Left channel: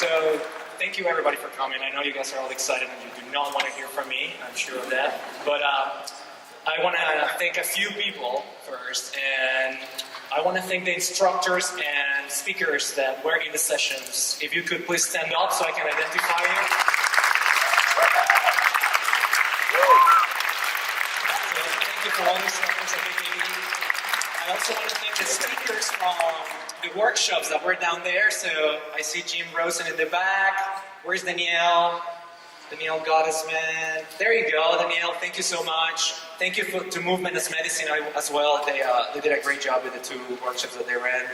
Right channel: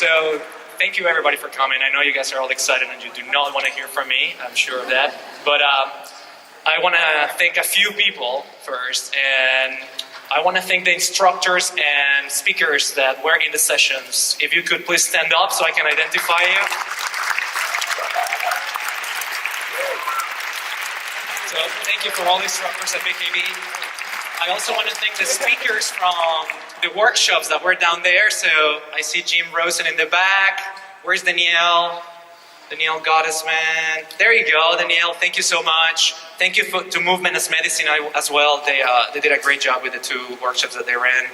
So thank you everybody for coming. I know you guys are all excited and you do not want to hear from me, I'm sure of that. But I want to thank a few people first, and I want to thank the instructors and speakers that were in the sessions. If you could please stand up so I can identify you. So thank you for all the instructors at BKB. I also want to thank the speakers from the workshops that were down there. So I see Jim Rosen in the back. Where's Danielle? Danielle Gottesman. There you go, Danielle. Thank you so much. Thank you to Movement as Medicine as well. They did a great job with the 2 workshops that they ran.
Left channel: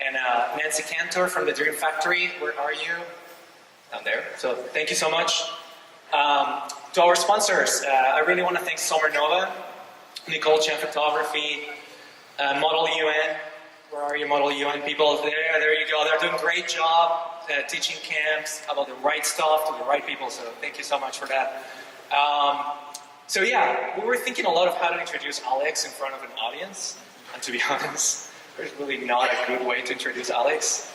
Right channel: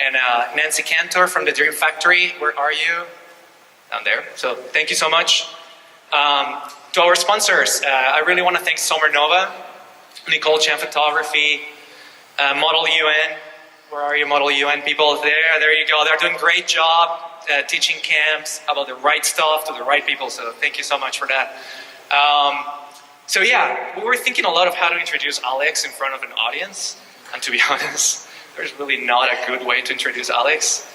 And Nancy Cantor from the Dream Factory. Where are you? Down there. So thank you so much. To our sponsors, I really want to thank Summer Nova, Nicole Chen Photography, Model UN. Where are you, Model UN people? There you go. They're doing a great job teaching camps about the right stuff to the right people. So thank you so much for that. So yeah, we were thinking a lot of how to introduce Alex in front of an audience. And to be honest, there's really not a good way to introduce Alex.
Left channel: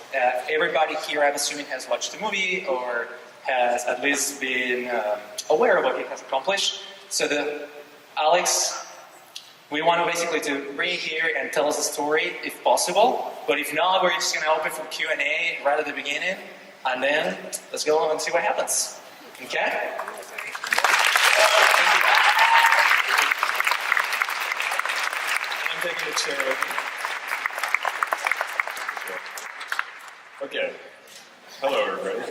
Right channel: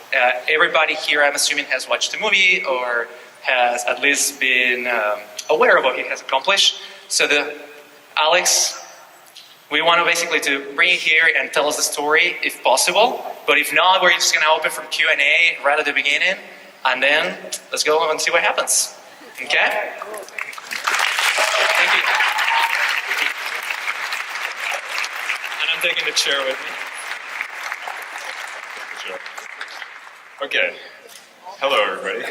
Everybody here, I'm assuming, has watched the movie or has at least been aware of what he has accomplished. So Alex, we want to basically to bring you here and tell us the story if possible. But if not, we're just going to open for Q&A right at the beginning. And then let's go and see what happens. Okay? Thank you. And I'm taking the chair with me. Sure. Okay. Hello, everybody.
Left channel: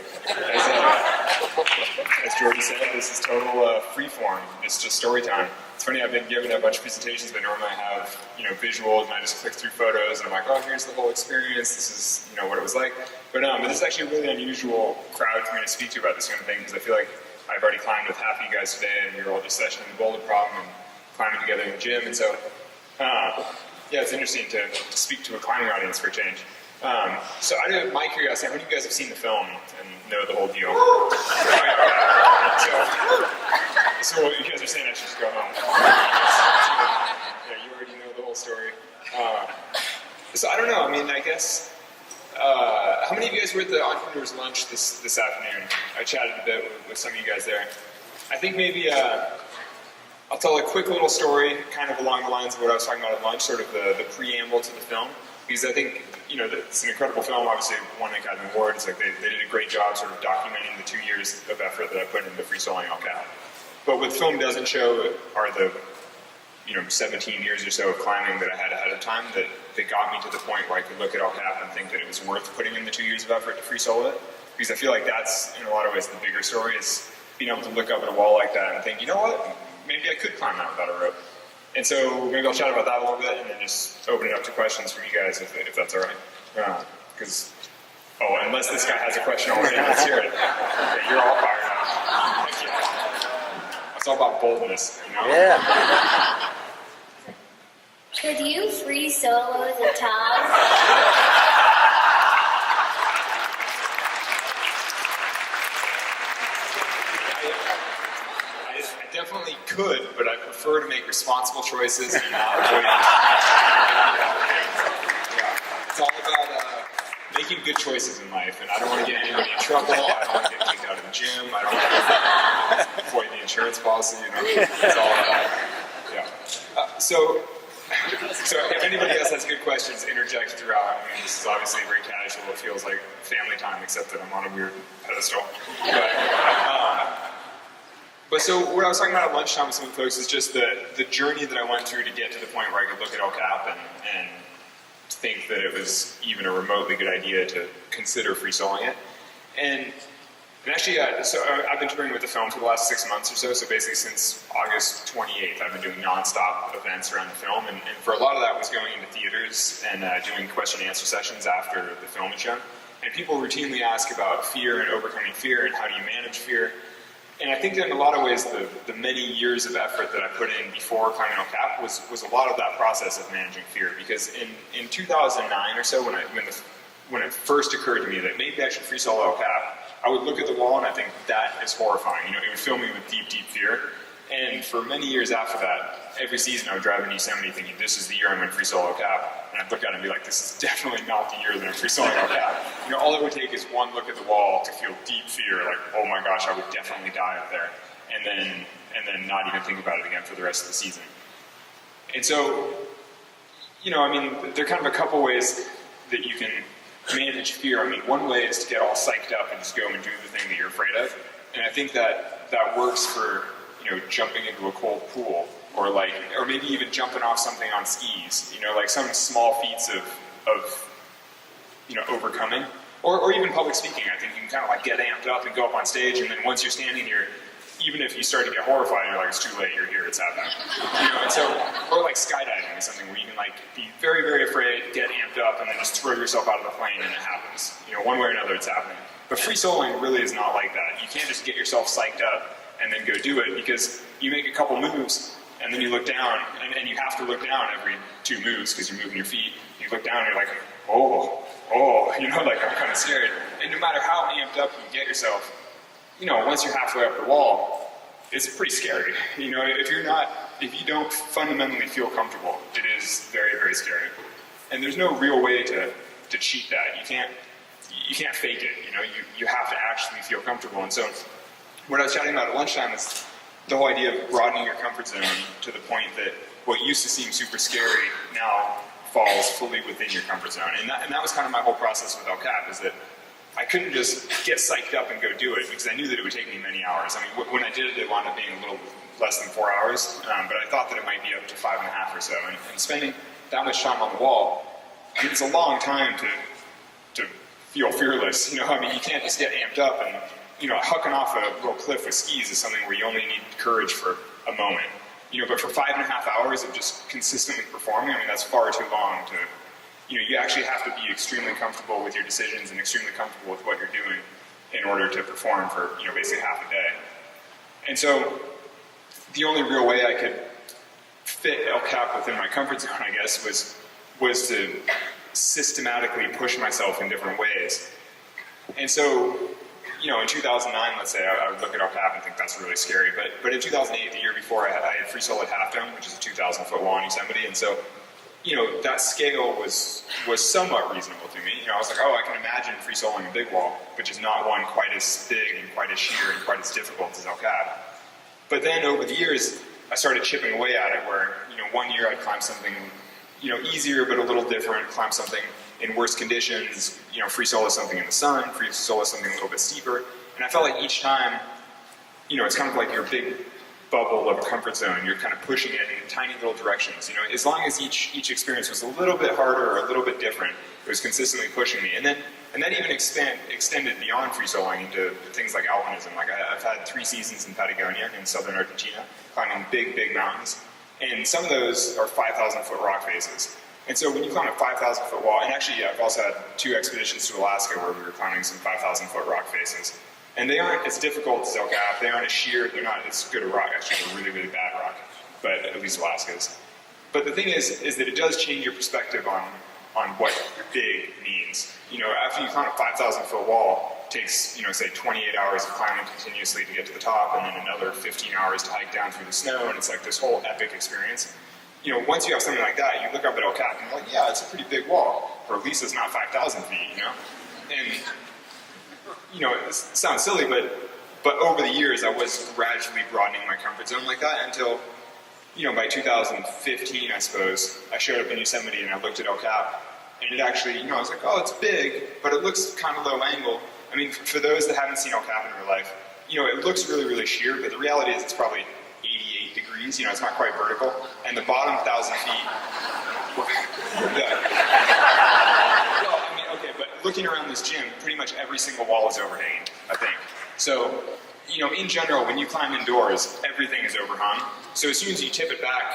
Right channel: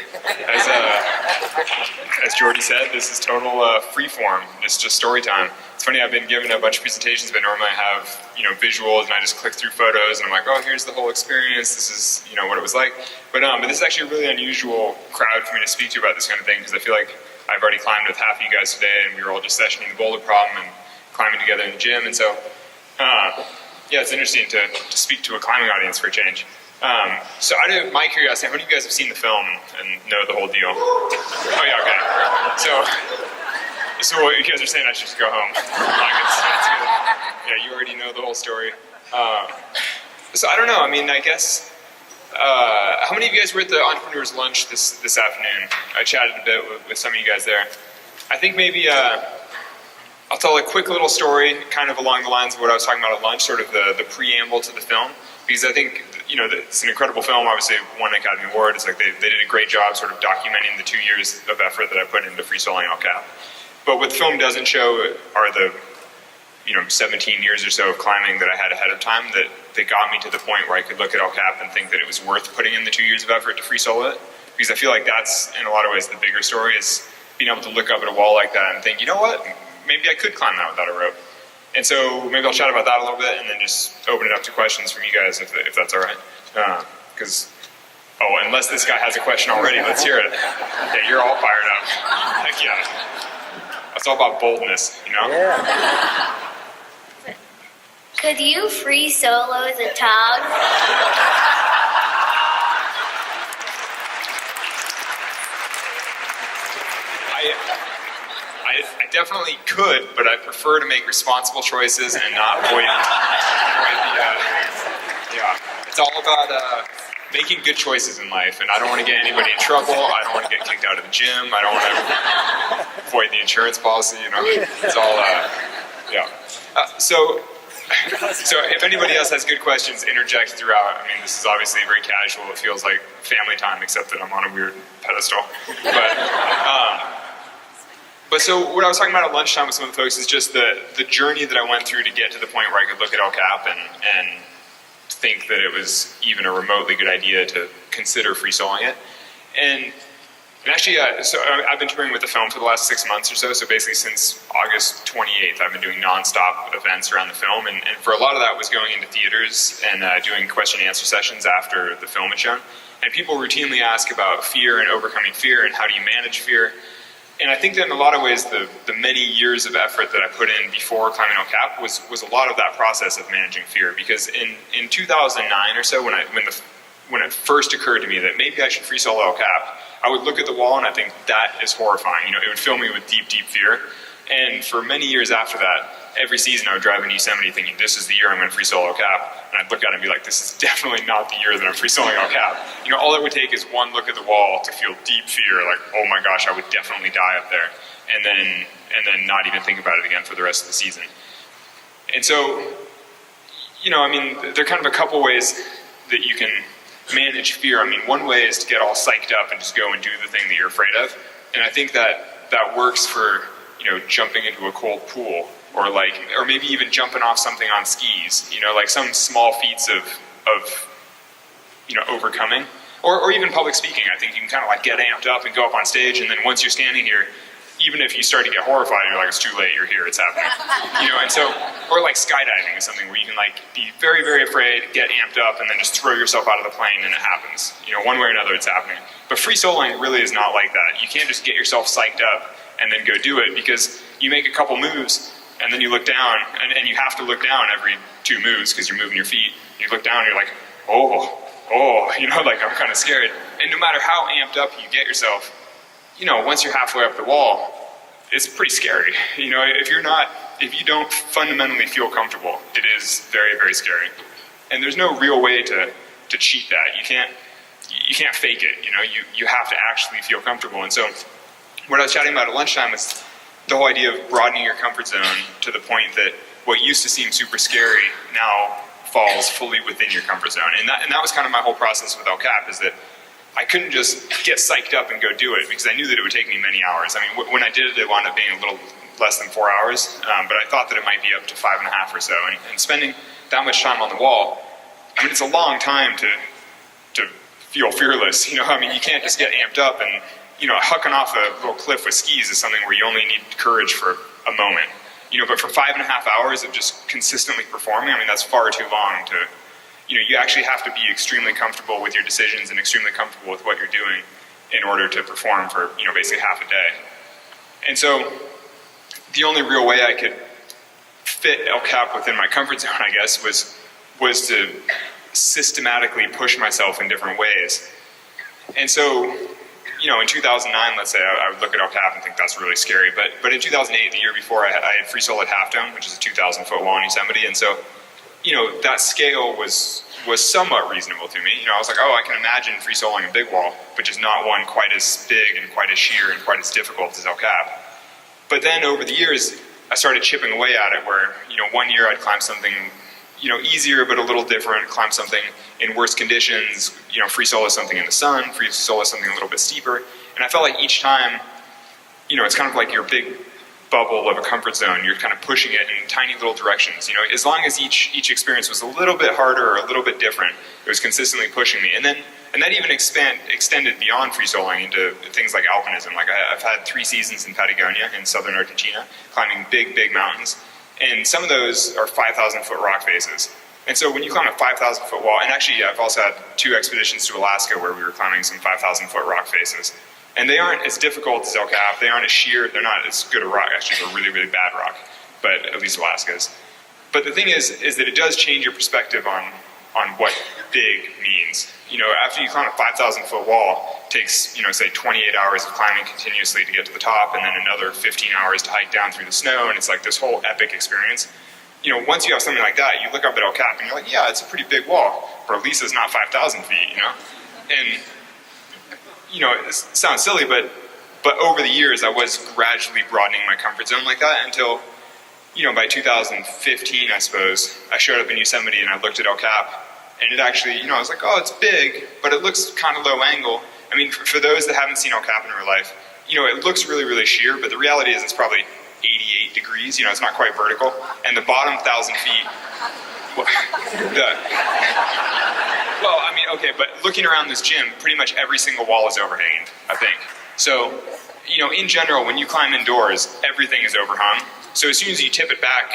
As Jordy said, this is total free form. It's just story time. It's funny, I've been given a bunch of presentations, but normally I have, visuals, and I just click through photos, and I'm like, oh, here's the whole experience. This is, what it was like. But this is actually a really unusual crowd for me to speak to about this kind of thing, because I feel like I've already climbed with half of you guys today, and we were all just sessioning the boulder problem and climbing together in the gym, and so, yeah, it's interesting to speak to a climbing audience for a change. So out of my curiosity, how many of you guys have seen the film and know the whole deal? Oh yeah, okay. So what you guys are saying, I should just go home. Yeah, you already know the whole story. So I don't know, I guess, how many of you guys were at the Entrepreneurs Lunch this afternoon? I chatted a bit with some of you guys there. I think maybe, I'll tell a quick little story, kind of along the lines of what I was talking about at lunch, sort of the preamble to the film. Because I think, it's an incredible film, obviously won an Academy Award. It's like they did a great job sort of documenting the 2 years of effort that I put into free soloing El Cap. But what the film doesn't show are the, 17 years or so of climbing that I had ahead of time that got me to the point where I could look at El Cap and think that it was worth putting in the 2 years of effort to free solo it. Because I feel like that's, in a lot of ways, the bigger story is being able to look up at a wall like that and think, you know what, maybe I could climb that without a rope. And so maybe I'll chat about that a little bit and then just open it up to questions from you guys if that's all right. Because, unless this guy has a question already, let's hear it. Yeah, you're all fired up. Heck yeah. It's all about boldness, Yeah. Could you free solo the tog? I definitely could, but I prefer to make responsible choices and not avoid it's all about making good choices in life, and I don't want to get anybody in trouble. I don't want to get kicked out of the gym. I don't want to avoid the insurance policy. It's all So if anybody else has good questions, interject throughout. This is obviously very casual. It feels like family time, except that I'm on a weird pedestal. But so what I was talking about at lunchtime with some of the folks is just the journey that I went through to get to the point where I could look at El Cap and think that it was even a remotely good idea to consider free soloing it. And actually, so I've been touring with the film for the last 6 months or so. So basically since August 28th, I've been doing nonstop events around the film. And for a lot of that was going into theaters and doing question and answer sessions after the film had shown. And people routinely ask about fear and overcoming fear and how do you manage fear. And I think that in a lot of ways, the many years of effort that I put in before climbing El Cap was a lot of that process of managing fear. Because in 2009 or so, when it first occurred to me that maybe I should free solo El Cap, I would look at the wall and I think that is horrifying. It would fill me with deep, deep fear. And for many years after that, every season I would drive in Yosemite thinking, this is the year I'm going to free solo cap. And I'd look at it and be like, this is definitely not the year that I'm free soloing El Cap. You know, all it would take is one look at the wall to feel deep fear, like, oh my gosh, I would definitely die up there. And then not even think about it again for the rest of the season. And so, you know, I mean, there are kind of a couple ways that you can manage fear. I mean, one way is to get all psyched up and just go and do the thing that you're afraid of. And I think that works for, you know, jumping into a cold pool, or maybe even jumping off something on skis, you know, like some small feats of you know, overcoming. Or even public speaking. I think you can kind of like get amped up and go up on stage, and then once you're standing here, even if you start to get horrified, you're like, it's too late, you're here, it's happening. You know, and so, or like skydiving is something where you can like be very, very afraid, get amped up, and then just throw yourself out of the plane and it happens. You know, one way or another it's happening. But free soloing really is not like that. You can't just get yourself psyched up and then go do it, because you make a couple moves and then you look down, and you have to look down every 2 moves because you're moving your feet. You look down and you're like, oh, you know, like I'm kind of scared. And no matter how amped up you get yourself, you know, once you're halfway up the wall, it's pretty scary. You know, if you don't fundamentally feel comfortable, it is very, very scary. And there's no real way to cheat that. You can't fake it. You know, you have to actually feel comfortable. And so, what I was chatting about at lunchtime is the whole idea of broadening your comfort zone to the point that what used to seem super scary now falls fully within your comfort zone. And that was kind of my whole process with El Cap, is that I couldn't just get psyched up and go do it, because I knew that it would take me many hours. I mean, when I did it, it wound up being a little less than 4 hours, but I thought that it might be up to 5.5 or so. And spending that much time on the wall, I mean, it's a long time to feel fearless. You know, I mean, you can't just get amped up, and, you know, hucking off a little cliff with skis is something where you only need courage for a moment. You know, but for 5.5 hours of just consistently performing, I mean, that's far too long to, you know, you actually have to be extremely comfortable with your decisions and extremely comfortable with what you're doing in order to perform for, you know, basically half a day. And so the only real way I could fit El Cap within my comfort zone, I guess, was to systematically push myself in different ways. And so, you know, in 2009, let's say, I would look at El Cap and think that's really scary. But in 2008, the year before, I had free soloed Half Dome, which is a 2,000-foot wall in Yosemite. And so, you know, that scale was somewhat reasonable to me. You know, I was like, oh, I can imagine free soloing a big wall, but just not one quite as big and quite as sheer and quite as difficult as El Cap. But then over the years, I started chipping away at it, where, you know, one year I'd climb something, you know, easier but a little different, climb something in worse conditions, you know, free solo something in the sun, free solo something a little bit steeper. And I felt like each time, you know, it's kind of like your big bubble of a comfort zone. You're kind of pushing it in tiny little directions. You know, as long as each experience was a little bit harder or a little bit different, it was consistently pushing me. And that even extended beyond free soloing into things like alpinism. Like I've had 3 seasons in Patagonia in southern Argentina, climbing big, big mountains. And some of those are 5,000-foot rock faces. And so when you climb a 5,000-foot wall, and actually I've also had 2 expeditions to Alaska where we were climbing some 5,000-foot rock faces. And they aren't as difficult as El Cap, they aren't as sheer, they're not as good a rock, actually they're really, really bad rock, but at least Alaska is. But the thing is that it does change your perspective on what big means. You know, after you climb a 5,000-foot wall, it takes, you know, say 28 hours of climbing continuously to get to the top, and then another 15 hours to hike down through the snow, and it's like this whole epic experience. You know, once you have something like that, you look up at El Cap and you're like, yeah, it's a pretty big wall, but at least it's not 5,000 feet, you know? And, you know, it sounds silly, but over the years, I was gradually broadening my comfort zone like that until, you know, by 2015, I suppose, I showed up in Yosemite and I looked at El Cap, and it actually, you know, I was like, oh, it's big, but it looks kind of low angle. I mean, for those that haven't seen El Cap in real life, you know, it looks really, really sheer, but the reality is it's probably 88 degrees, you know, it's not quite vertical, and the bottom 1,000 feet, well, I mean, okay, but looking around this gym, pretty much every single wall is overhanging, I think. So, you know, in general, when you climb indoors, everything is overhung. So as soon as you tip it back,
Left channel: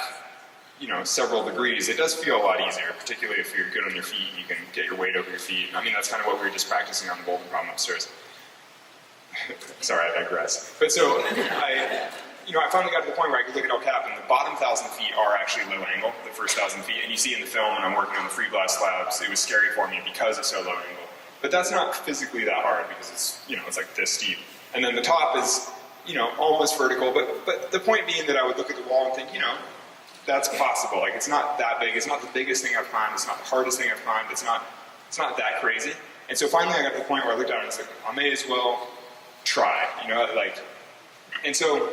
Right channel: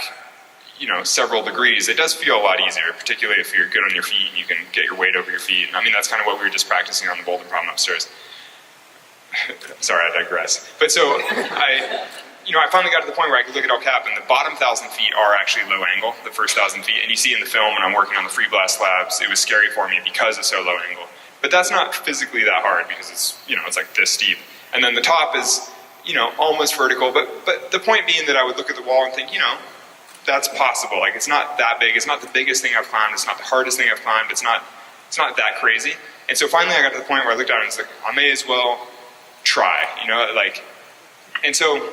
you know, several degrees, it does feel a lot easier, particularly if you're good on your feet and you can get your weight over your feet. And I mean, that's kind of what we were just practicing on the Boulder Problem upstairs. Sorry, I digress. But so, I finally got to the point where I could look at El Cap, and the bottom 1,000 feet are actually low angle, the first 1,000 feet. And you see in the film when I'm working on the free blast slabs, it was scary for me because it's so low angle. But that's not physically that hard because it's, you know, it's like this steep. And then the top is almost vertical, but the point being that I would look at the wall and think, that's possible. Like, it's not that big. It's not the biggest thing I've climbed. It's not the hardest thing I've climbed. It's not that crazy. And so finally I got to the point where I looked at it and was like, I may as well try, and so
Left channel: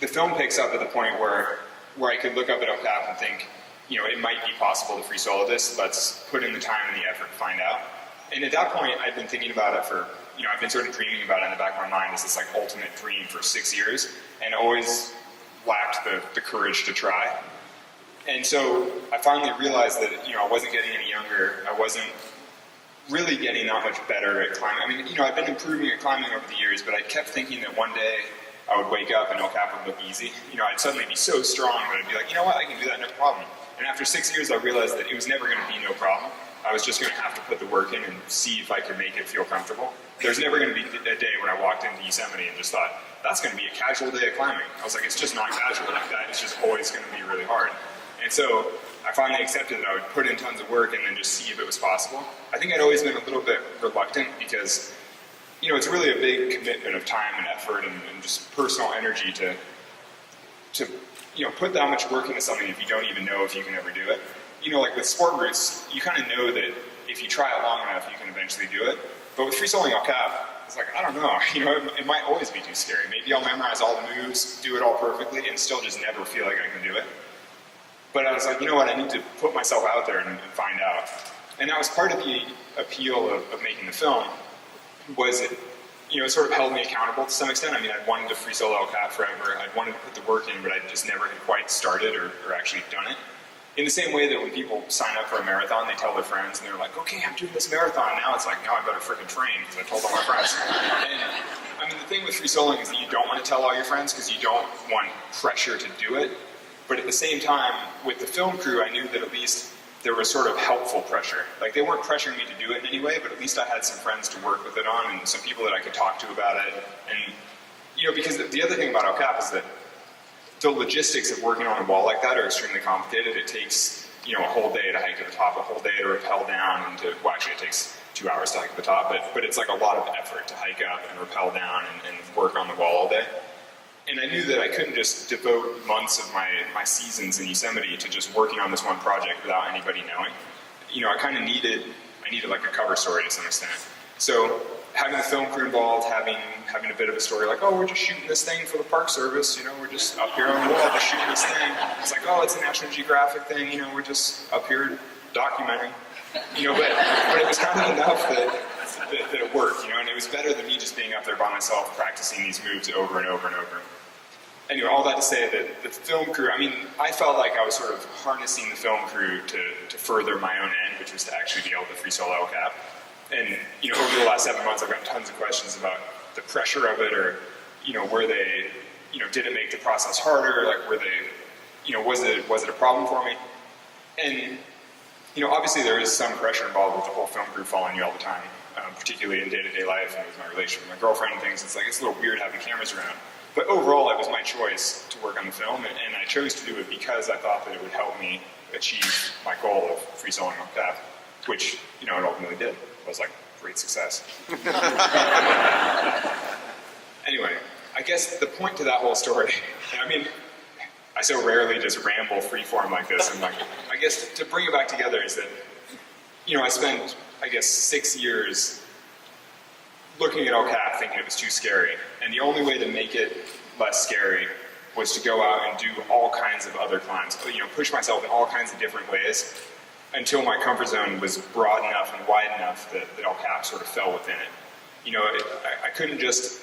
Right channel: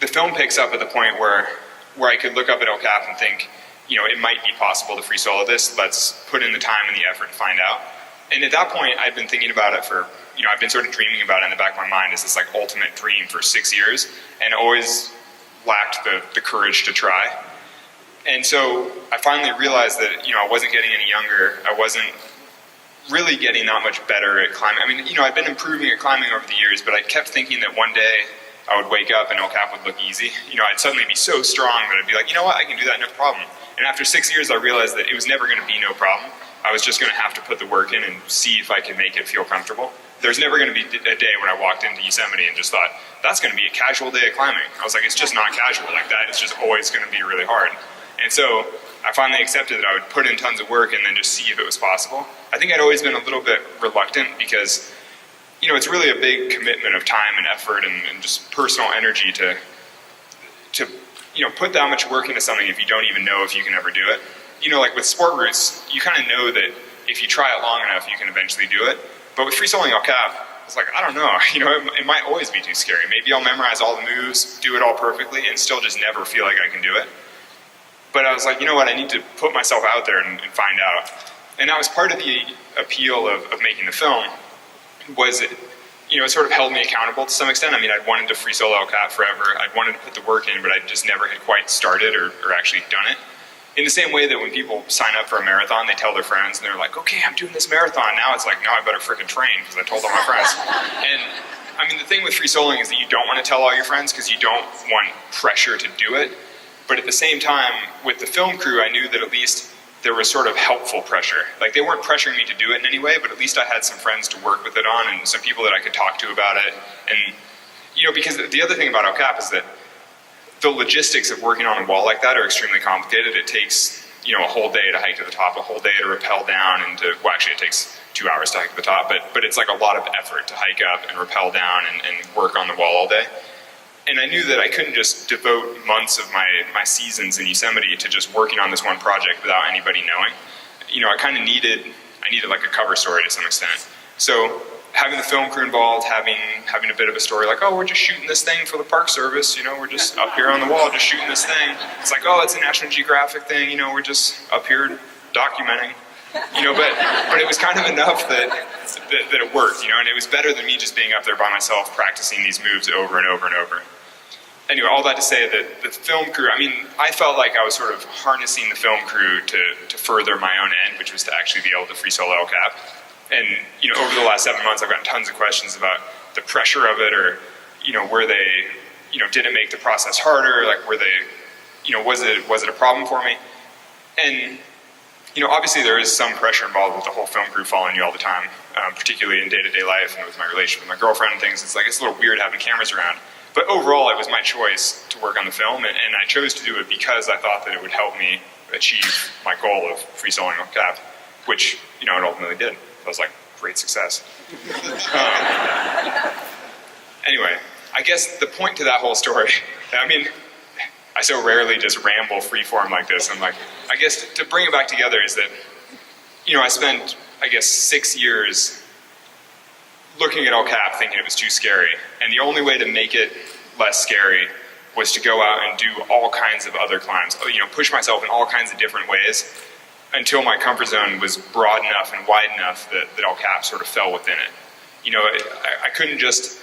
the film picks up at the point where I could look up at El Cap and think, it might be possible to free solo this. Let's put in the time and the effort to find out. And at that point, I'd been thinking about it for, I've been sort of dreaming about it in the back of my mind as this like ultimate dream for 6 years, and always lacked the courage to try. And so I finally realized that, I wasn't getting any younger. I wasn't really getting that much better at climbing. I mean, I'd been improving at climbing over the years, but I kept thinking that one day I would wake up and El Cap would look easy. I'd suddenly be so strong that I'd be like, I can do that, no problem. And after 6 years, I realized that it was never going to be no problem. I was just going to have to put the work in and see if I could make it feel comfortable. There's never going to be a day when I walked into Yosemite and just thought, that's going to be a casual day of climbing. I was like, it's just not casual like that. It's just always going to be really hard. And so I finally accepted that I would put in tons of work and then just see if it was possible. I think I'd always been a little bit reluctant because, it's really a big commitment of time and effort and just personal energy to put that much work into something if you don't even know if you can ever do it. Like with sport routes, you kind of know that if you try it long enough, you can eventually do it. But with free soloing El Cap, it's like, I don't know, it might always be too scary. Maybe I'll memorize all the moves, do it all perfectly, and still just never feel like I can do it. But I was like, I need to put myself out there and find out. And that was part of the appeal of making the film, was it sort of held me accountable to some extent. I mean, I'd wanted to free solo El Cap forever. I'd wanted to put the work in, but I just never had quite started or actually done it. In the same way that when people sign up for a marathon, they tell their friends, and they're like, okay, I'm doing this marathon. Now it's like, no, I better freaking train, because I told all my friends. And I mean, the thing with free soloing is that you don't want to tell all your friends, because you don't want pressure to do it. But at the same time, with the film crew, I knew that at least there was sort of helpful pressure. Like, they weren't pressuring me to do it in any way, but at least I had some friends to work with it on and some people that I could talk to about it. And, because the other thing about El Cap is that the logistics of working on a wall like that are extremely complicated. It takes, a whole day to hike to the top, a whole day to rappel down, and actually it takes 2 hours to hike to the top, but it's like a lot of effort to hike up and rappel down and work on the wall all day. And I knew that I couldn't just devote months of my seasons in Yosemite to just working on this one project without anybody knowing. I kind of needed like a cover story to some extent. So having the film crew involved, having a bit of a story like, oh, we're just shooting this thing for the Park Service, we're just up here on the wall just shooting this thing. It's like, oh, it's a National Geographic thing, we're just up here documenting. But it was kind of enough that it worked, and it was better than me just being up there by myself practicing these moves over and over and over. Anyway, all that to say that the film crew, I mean, I felt like I was sort of harnessing the film crew to further my own end, which was to actually be able to free solo El Cap. And, over the last 7 months, I've gotten tons of questions about the pressure of it, or, were they, did it make the process harder? Like, were they, was it a problem for me? And, obviously there is some pressure involved with the whole film crew following you all the time, particularly in day-to-day life and with my relationship with my girlfriend and things. It's a little weird having cameras around. But overall, it was my choice to work on the film, and I chose to do it because I thought that it would help me achieve my goal of free soloing El Cap, which, it ultimately did. I was like, great success. Anyway, I guess the point to that whole story, I mean, I so rarely just ramble freeform like this. I'm like, I guess to bring it back together is that, I spent, 6 years looking at El Cap thinking it was too scary. And the only way to make it less scary was to go out and do all kinds of other climbs, push myself in all kinds of different ways until my comfort zone was broad enough and wide enough that El Cap sort of fell within it. I couldn't just,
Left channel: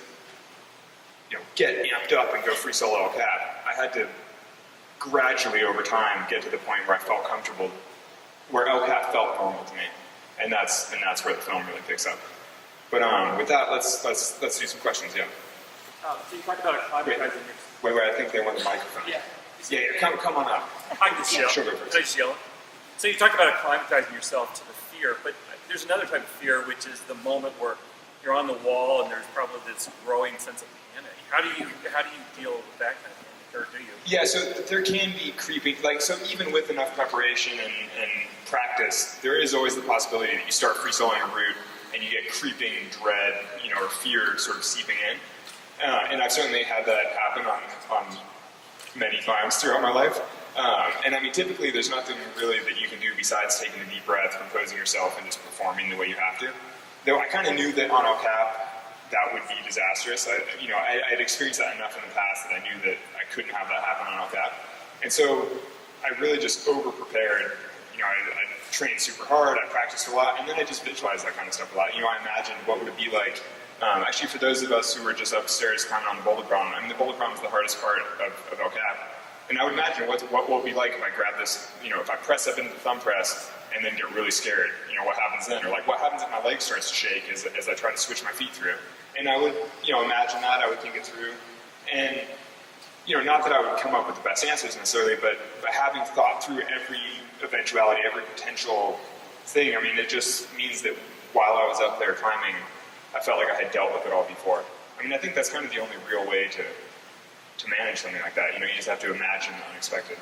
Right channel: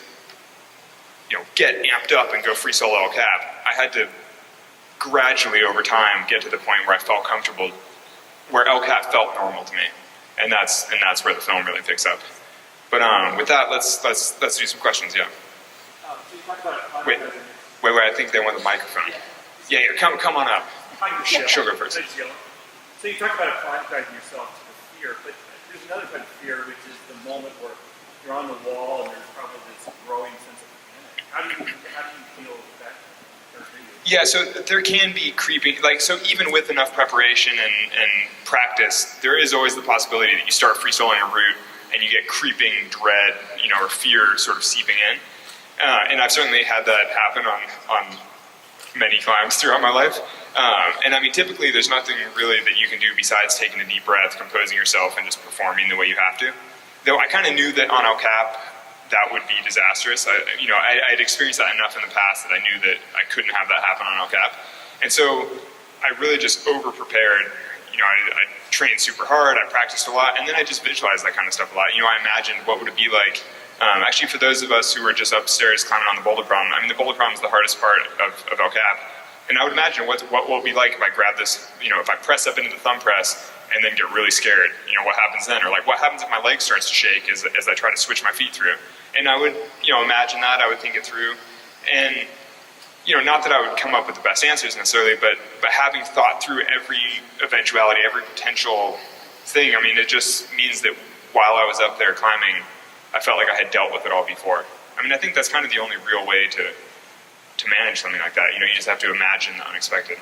get amped up and go free solo El Cap. I had to gradually over time get to the point where I felt comfortable, where El Cap felt normal to me. And that's where the film really picks up. But with that, let's do some questions. Yeah. So you talked about wait, I think they want the microphone. Yeah. Come on up. Hi, Michelle. She'll go first. Nice yellow. So you talked about acclimatizing yourself to the fear, but there's another type of fear, which is the moment where you're on the wall and there's probably this growing sense of panic. How do you deal with that kind of thing, or do you? Yeah, so there can be creeping, so even with enough preparation and practice, there is always the possibility that you start free soloing a route and you get creeping dread, or fear sort of seeping in. And I've certainly had that happen on many climbs throughout my life. And I mean, typically there's nothing really that you can do besides taking a deep breath, composing yourself, and just performing the way you have to. Though I kind of knew that on El Cap, that would be disastrous. I'd experienced that enough in the past that I knew that I couldn't have that happen on El Cap. And so I really just over-prepared. I trained super hard, I practiced a lot, and then I just visualized that kind of stuff a lot. I imagined what would it be like. Actually, for those of us who were just upstairs climbing on the boulder problem, I mean, the boulder problem is the hardest part of El Cap. And I would imagine what will it be like if I grab this, if I press up into the thumb press and then get really scared, what happens then? Or like, what happens if my leg starts to shake as I try to switch my feet through? And I would, imagine that, I would think it through. And, not that I would come up with the best answers necessarily, but having thought through every eventuality, every potential thing, I mean, it just means that while I was up there climbing, I felt like I had dealt with it all before. I mean, I think that's kind of the only real way to manage something like that. You just have to imagine the unexpected.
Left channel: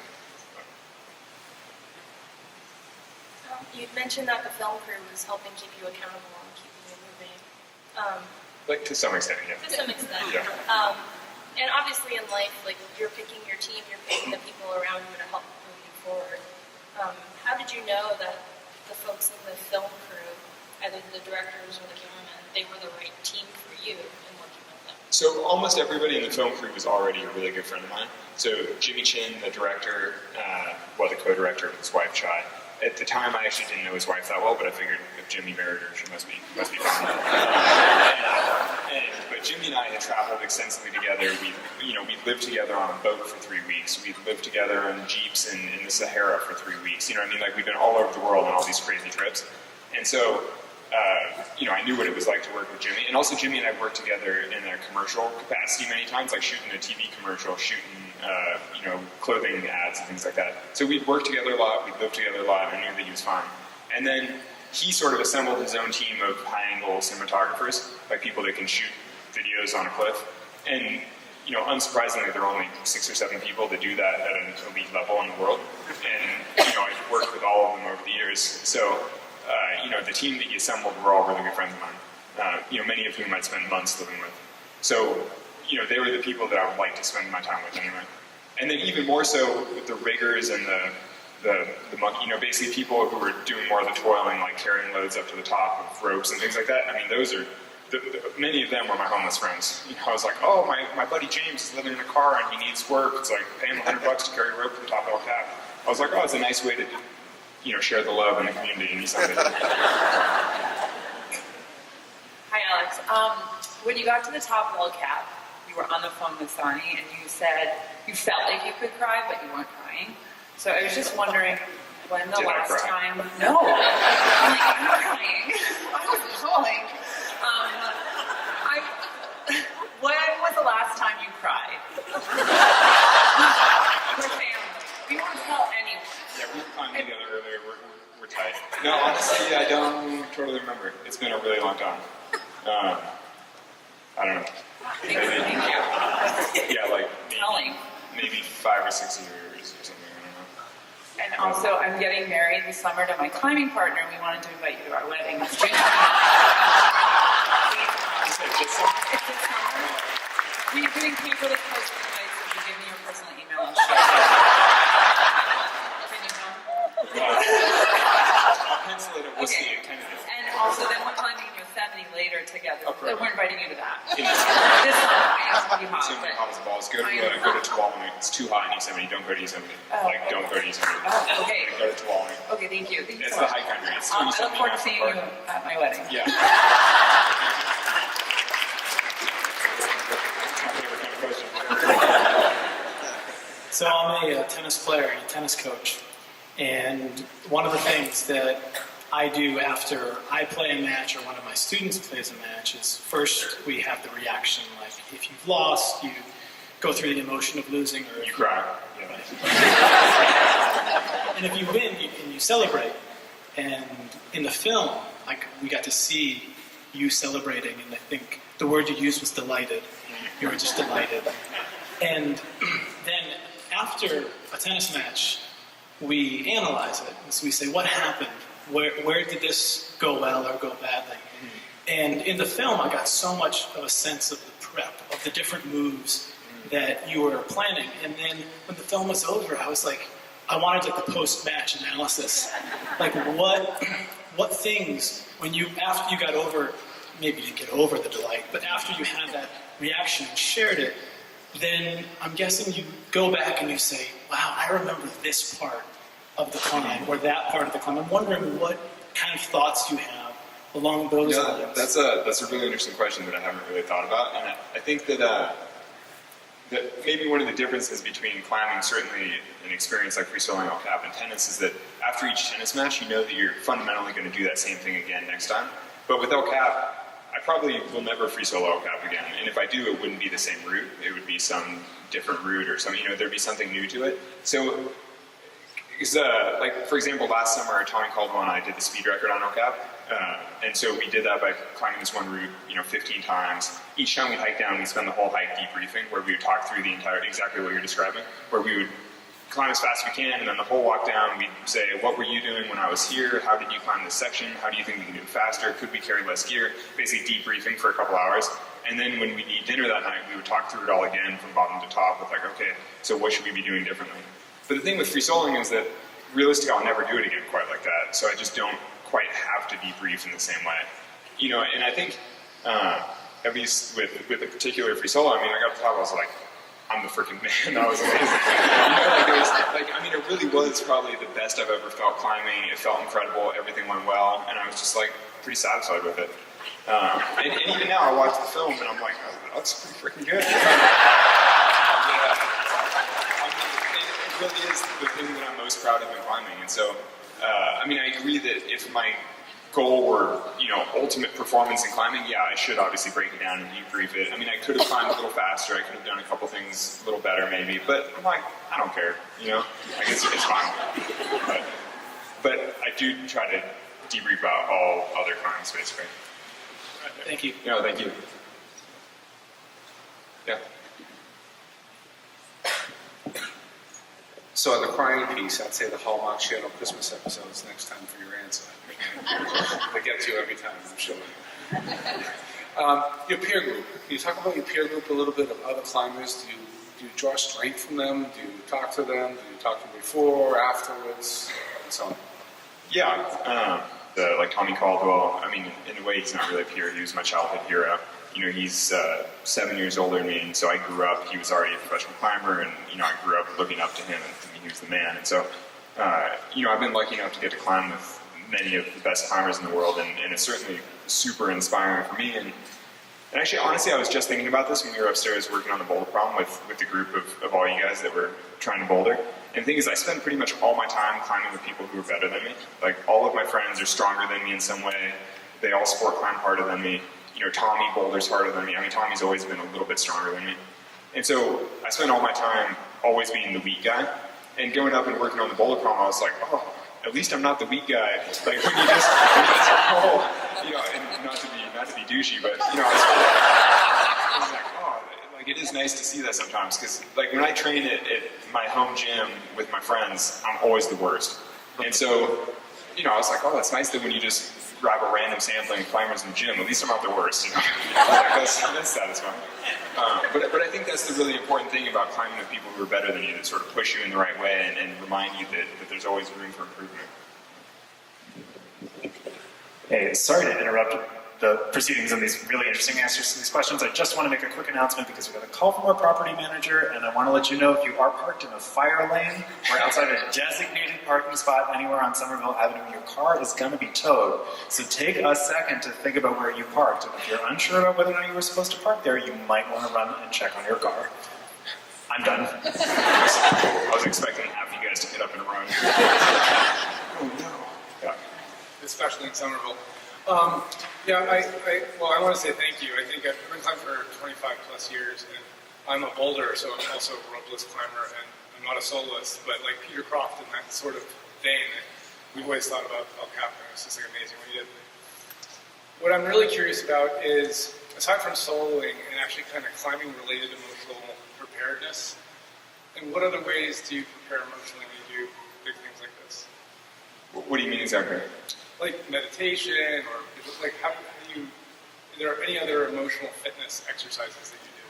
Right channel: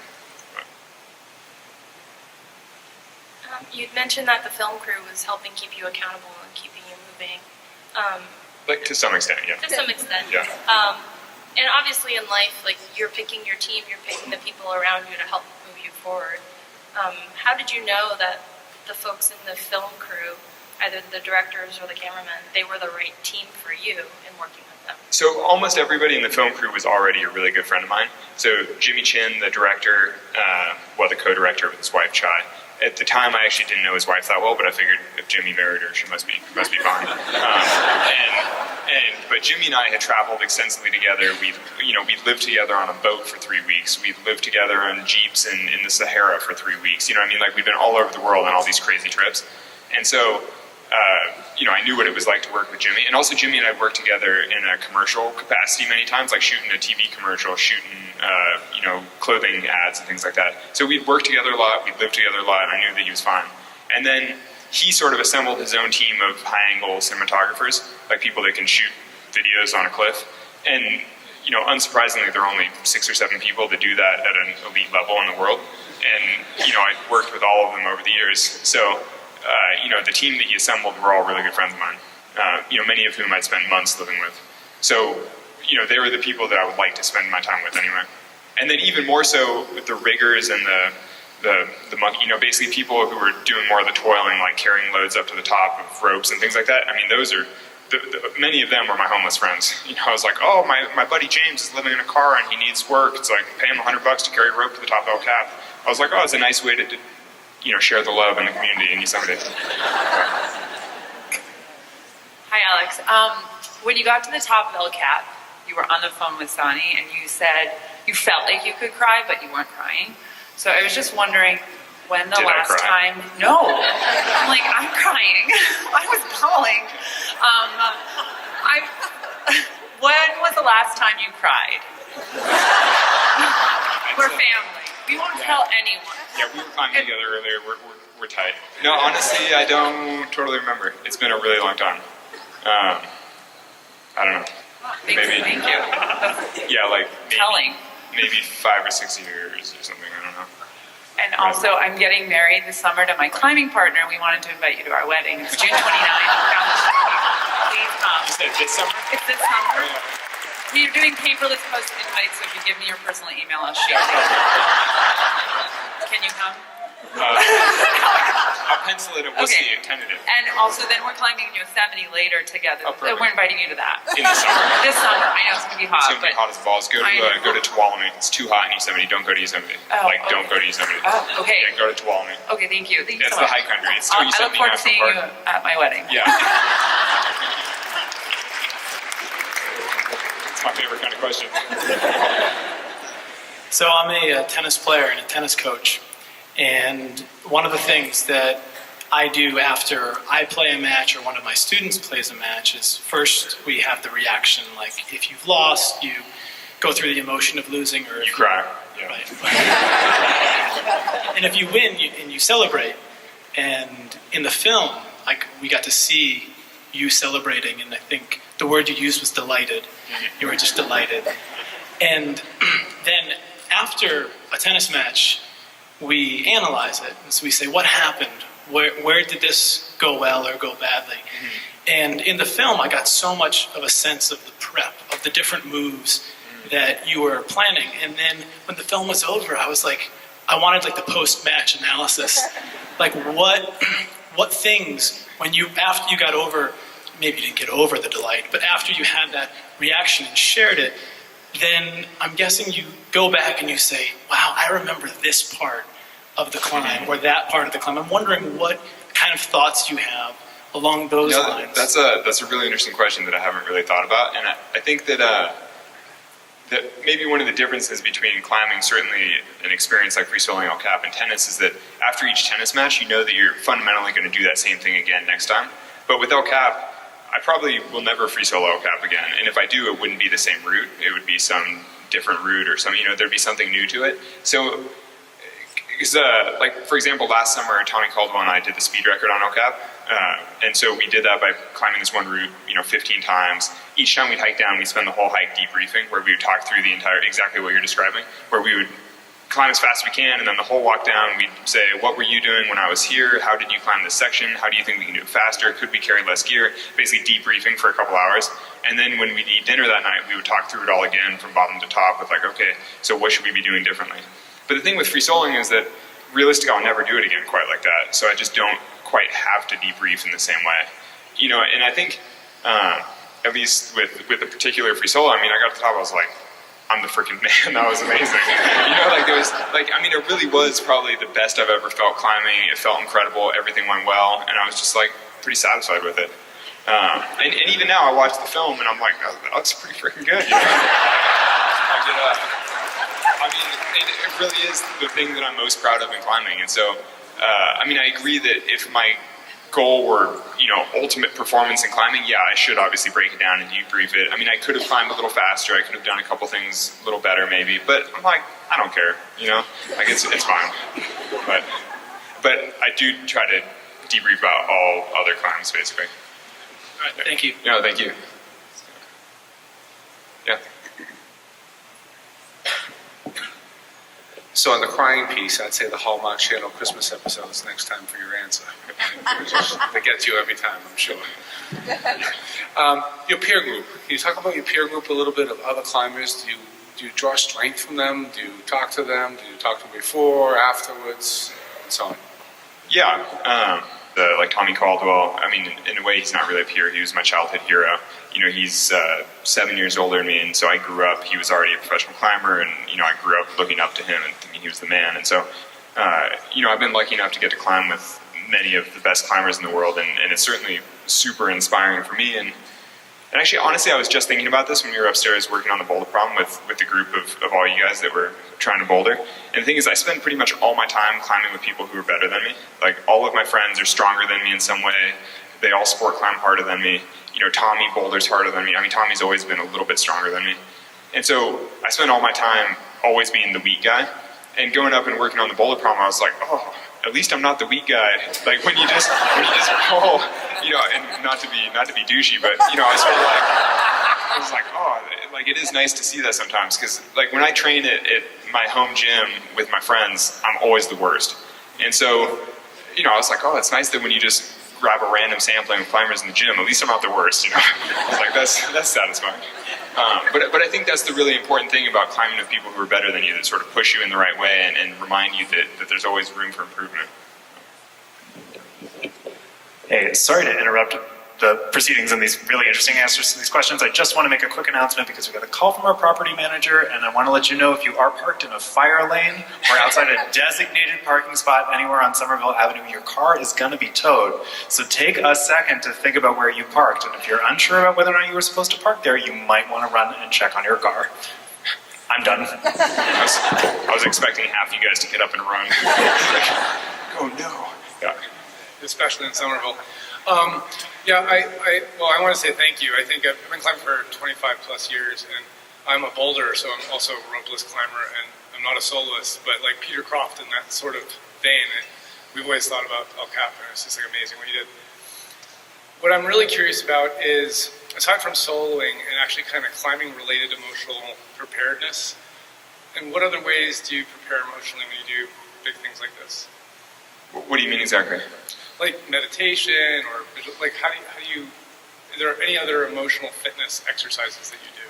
You'd mentioned that the film crew was helping keep you accountable and keeping you moving. Like, to some extent, yeah. To some extent. Yeah. And obviously in life, like, you're picking your team, you're picking the people around you to help move you forward. How did you know that the folks in the film crew, either the directors or the cameramen, they were the right team for you in working with them? So almost everybody in the film crew was already a really good friend of mine. So Jimmy Chin, the director, the co-director with his wife, Chai. At the time, I actually didn't know his wife that well, but I figured if Jimmy married her, she must be fine. But Jimmy and I had traveled extensively together. We'd lived together on a boat for 3 weeks. We'd lived together on jeeps in the Sahara for 3 weeks. Like, we've been all over the world on all these crazy trips. And so, I knew what it was like to work with Jimmy. And also, Jimmy and I worked together in a commercial capacity many times, like shooting a TV commercial, shooting, clothing ads and things like that. So we'd worked together a lot, we'd lived together a lot, and I knew that he was fine. And then he sort of assembled his own team of high-angle cinematographers, like people that can shoot videos on a cliff. And, unsurprisingly, there are only 6 or 7 people that do that at an elite level in the world. And, I've worked with all of them over the years. So, the team that he assembled were all really good friends of mine, many of whom I'd spent months living with. So, they were the people that I would like to spend my time with anyway. And then even more so with the riggers and the monkey, basically people who were doing more of the toiling, like carrying loads up to the top of ropes and things like that. I mean, those are, many of them were my homeless friends. I was like, oh, my buddy James is living in a car and he needs work. It's like, pay him $100 to carry a rope to the top of El Cap. I was like, oh, it's a nice way to share the love in the community in Yosemite. Hi, Alex. When you got to the top of El Cap, you were on the phone with Sonny, and you said you felt like you could cry, but you weren't crying. So I was just wondering when the Did I last cry? time... No. I'm like, I'm crying. I was bawling. When was the last time you cried? We're family. We won't tell anyone. Yeah, we were climbing together earlier. We're tight. No, honestly, I don't totally remember. It's been a really long time. I don't know. Thank Maybe. you. Yeah, like Telling. maybe 5 or 6 years or something. I don't know. And also, I'm getting married this summer to my climbing partner. We wanted to invite you to our wedding. It's June 29th. Please come. You said this summer? It's this summer. We're doing paperless post invites, so if you give me your personal email, I'll shoot you. Can you come? I'll pencil it. We'll see. Tentative. And also, then we're climbing in Yosemite later together. Oh, perfect. We're inviting you to that. In the summer. This summer. I know it's going to be hot. It's going to be but hot as balls. Go to Tuolumne. It's too hot in Yosemite. Don't go to Yosemite. Don't go to Yosemite. Oh, okay. Yeah, go to Tuolumne. Okay, thank you. Thank you It's so the much. high country. It's I Yosemite look forward to National seeing Park. you at my wedding. Yeah. It's my favorite kind of question. So I'm a tennis player and a tennis coach, and one of the things that I do after I play a match or one of my students plays a match is first we have the reaction, like if you've lost, you go through the emotion of losing, or You cry. Yeah. right. And if you win, you celebrate. And in the film, we got to see you celebrating, and I think the word you used was delighted. You were just delighted. And then after a tennis match, we analyze it. So we say, what happened? Where did this go well or go badly? And in the film, I got so much of a sense of the prep, of the different moves that you were planning. And then when the film was over, I was like, I wanted like the post-match analysis. Like what things, after you got over, maybe you didn't get over the delight, but after you had that reaction and shared it, then I'm guessing you go back and you say, wow, I remember this part of the climb or that part of the climb. I'm wondering what kind of thoughts you have along those lines. That's a really interesting question that I haven't really thought about, and I think that maybe one of the differences between climbing, certainly an experience like free soloing El Cap and tennis, is that after each tennis match, you know that you're fundamentally going to do that same thing again next time. But with El Cap, I probably will never free solo El Cap again, and if I do, it wouldn't be the same route. It would be some different route or some, there'd be something new to it. So, like for example, last summer, Tommy Caldwell and I did the speed record on El Cap, and so we did that by climbing this one route, 15 times. Each time we'd hike down, we'd spend the whole hike debriefing, where we would talk through the entire, exactly what you're describing, where we would climb as fast as we can, and then the whole walk down, we'd say, what were you doing when I was here? How did you climb this section? How do you think we can do it faster? Could we carry less gear? Basically debriefing for a couple hours. And then when we'd eat dinner that night, we would talk through it all again from bottom to top with like, okay, so what should we be doing differently? But the thing with free soloing is that realistically, I'll never do it again quite like that. So I just don't quite have to debrief in the same way. And I think, at least with a particular free solo, I got to the top, I was like, I'm the freaking man. That was amazing. It really was probably the best I've ever felt climbing. It felt incredible. Everything went well, and I was just like pretty satisfied with it. And even now, I watch the film, and I'm like, oh, that looks pretty freaking good. It really is the thing that I'm most proud of in climbing. And so, I agree that if my goal were, ultimate performance in climbing, yeah, I should obviously break it down and debrief it. I could have climbed a little faster. I could have done a couple things a little better maybe, but I'm like, I don't care, it's fine. But I do try to debrief about all other climbs, basically. All right, thank you. No, thank you. Yeah. So on the crying piece, I'd say the Hallmark Channel Christmas episode is next time for your answer. They get you every time, I'm sure. Your peer group. Can you talk about your peer group a little bit of other climbers? Do you draw strength from them? Do you talk to them? Do you talk to them before, afterwards, and so on? Yeah. Like Tommy Caldwell, in a way, he's not really a peer. He was my childhood hero. He's 7 years older than me, and so I grew up, he was already a professional climber, and, I grew up looking up to him and thinking he was the man. And so, I've been lucky enough to get to climb with many of the best climbers in the world, and it's certainly super inspiring for me. And actually, honestly, I was just thinking about this when we were upstairs working on the boulder problem with the group of all you guys that were trying to boulder. And the thing is, I spend pretty much all my time climbing with people who are better than me. Like, all of my friends are stronger than me in some way. They all sport climb harder than me. Tommy boulders harder than me. Tommy's always been a little bit stronger than me. And so I spend all my time always being the weak guy. And going up and working on the boulder problem, I was like, oh, at least I'm not the weak guy. Like, when you just roll, and not to be douchey, but, I was like, oh, like, it is nice to see that sometimes, because, like, when I train at my home gym with my friends, I'm always the worst. And so, I was like, oh, it's nice that when you just grab a random sampling of climbers in the gym, at least I'm not the worst, I was like, that's satisfying. But I think that's the really important thing about climbing with people who are better than you, that sort of push you in the right way and remind you that there's always room for improvement. Hey, sorry to interrupt the proceedings and these really interesting answers to these questions. I just want to make a quick announcement because we got a call from our property manager, and I want to let you know if you are parked in a fire lane or outside a designated parking spot anywhere on Somerville Avenue, your car is going to be towed. So take a second to think about where you parked, and if you're unsure about whether or not you were supposed to park there, you might want to run and check on your car. I'm done. I was expecting half you guys to get up and run. Oh no. Yeah. Especially in Somerville. I want to say thank you. I think I've been climbing for 25 plus years, and I'm a boulder, so I'm also a ropeless climber, and I'm not a soloist, but like Peter Croft in that sort of vein, we've always thought about El Capitan. It's just like amazing what he did. What I'm really curious about is, aside from soloing and actually kind of climbing related emotional preparedness, and what other ways do you prepare emotionally when you do big things like this? What do you mean exactly? Like meditation, or like how do you Are there any other emotional fitness exercises that you do?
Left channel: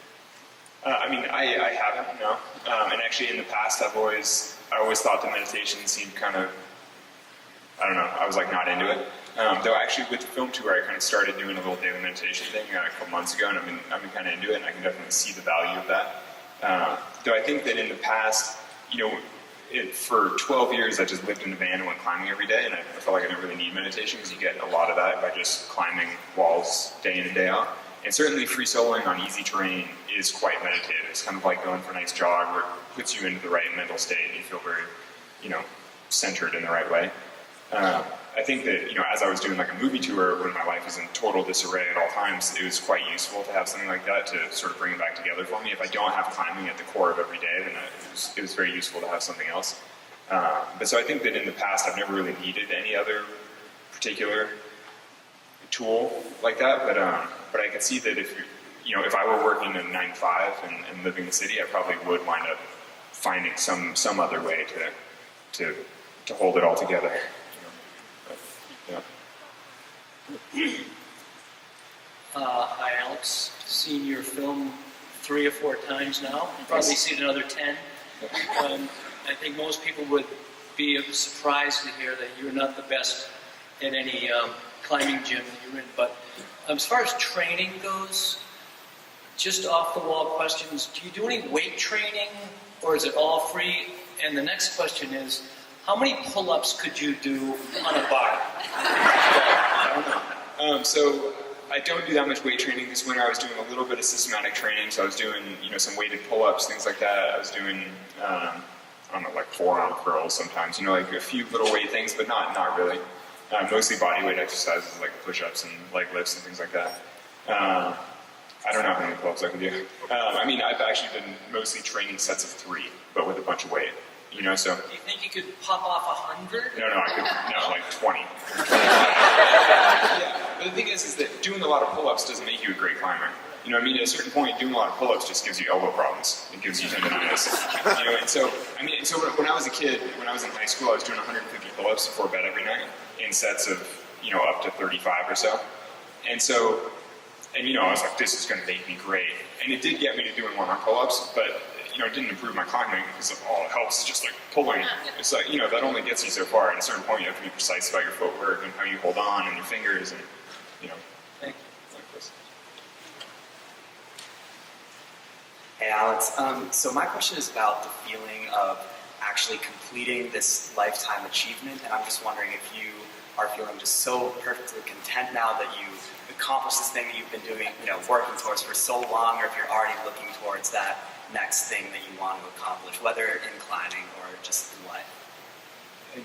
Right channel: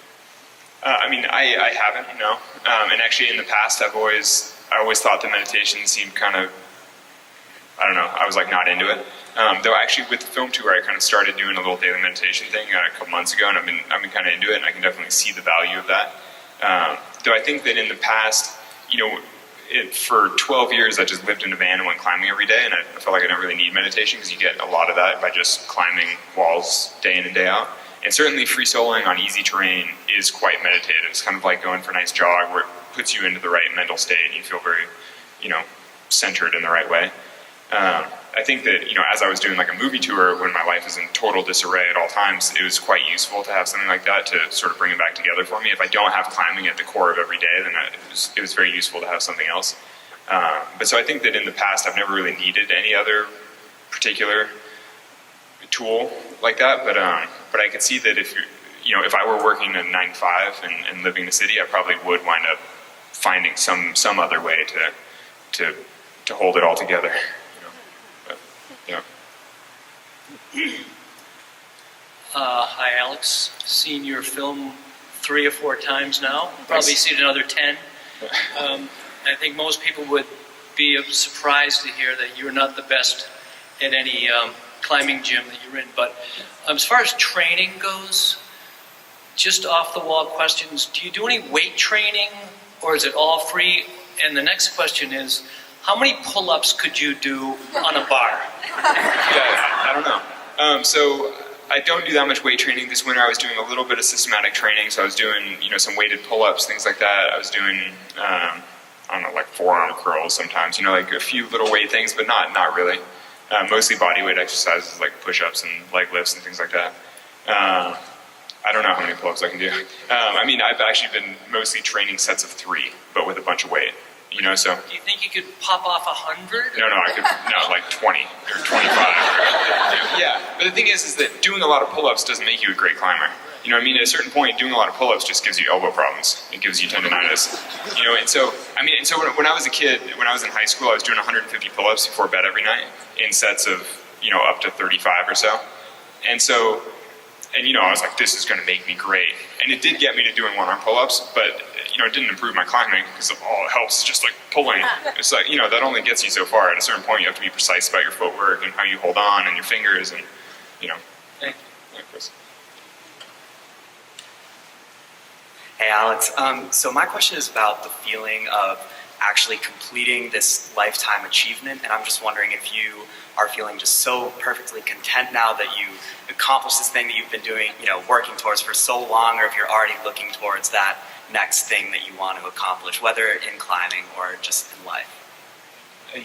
I mean, I haven't, no. And actually, in the past, I always thought that meditation seemed kind of, I don't know, I was like not into it. Though actually, with the film tour, I kind of started doing a little daily meditation thing a couple months ago, and I've been kind of into it, and I can definitely see the value of that. Though I think that in the past, for 12 years, I just lived in a van and went climbing every day, and I felt like I didn't really need meditation because you get a lot of that by just climbing walls day in and day out. And certainly free soloing on easy terrain is quite meditative. It's kind of like going for a nice jog where it puts you into the right mental state and you feel very, centered in the right way. I think that, as I was doing like a movie tour when my life was in total disarray at all times, it was quite useful to have something like that to sort of bring it back together for me. If I don't have climbing at the core of every day, then it was very useful to have something else. But so I think that in the past, I've never really needed any other particular tool like that. But I could see that if I were working a 9 to 5 and living in the city, I probably would wind up finding some other way to hold it all together. Hi, Alex. Seen your film 3 or 4 times now. Probably seen another 10. I think most people would be surprised to hear that you're not the best at any climbing gym that you're in. But as far as training goes, just off-the-wall questions, do you do any weight training, or is it all free? And the next question is, how many pull-ups could you do on a bar? Yeah, I don't know. So I don't do that much weight training. This winter I was doing a little bit of systematic training, so I was doing some weighted pull-ups, things like that. I was doing I don't know, like forearm curls sometimes, like a few little weight things, but not really. Mostly body weight exercises like push-ups and leg lifts and things like that. I don't know how many pull-ups I can do. I've actually been mostly training sets of 3, but with a bunch of weight. So. Do you think you could pop off 100? No, like 20 or 25. Yeah, but the thing is that doing a lot of pull-ups doesn't make you a great climber. At a certain point, doing a lot of pull-ups just gives you elbow problems. It gives you tendonitis. And so when I was a kid, when I was in high school, I was doing 150 pull-ups before bed every night in sets of, up to 35 or so. And so, I was like, this is going to make me great. And it did get me to doing one-arm pull-ups, but it didn't improve my climbing because all it helps is just like pulling. It's like, that only gets you so far. At a certain point, you have to be precise about your footwork and how you hold on and your fingers and, Thank like Chris. Hey, Alex. So my question is about the feeling of actually completing this lifetime achievement, and I'm just wondering if you are feeling just so perfectly content now that you accomplished this thing that you've been doing, working towards for so long, or if you're already looking towards that next thing that you want to accomplish, whether in climbing or just in life.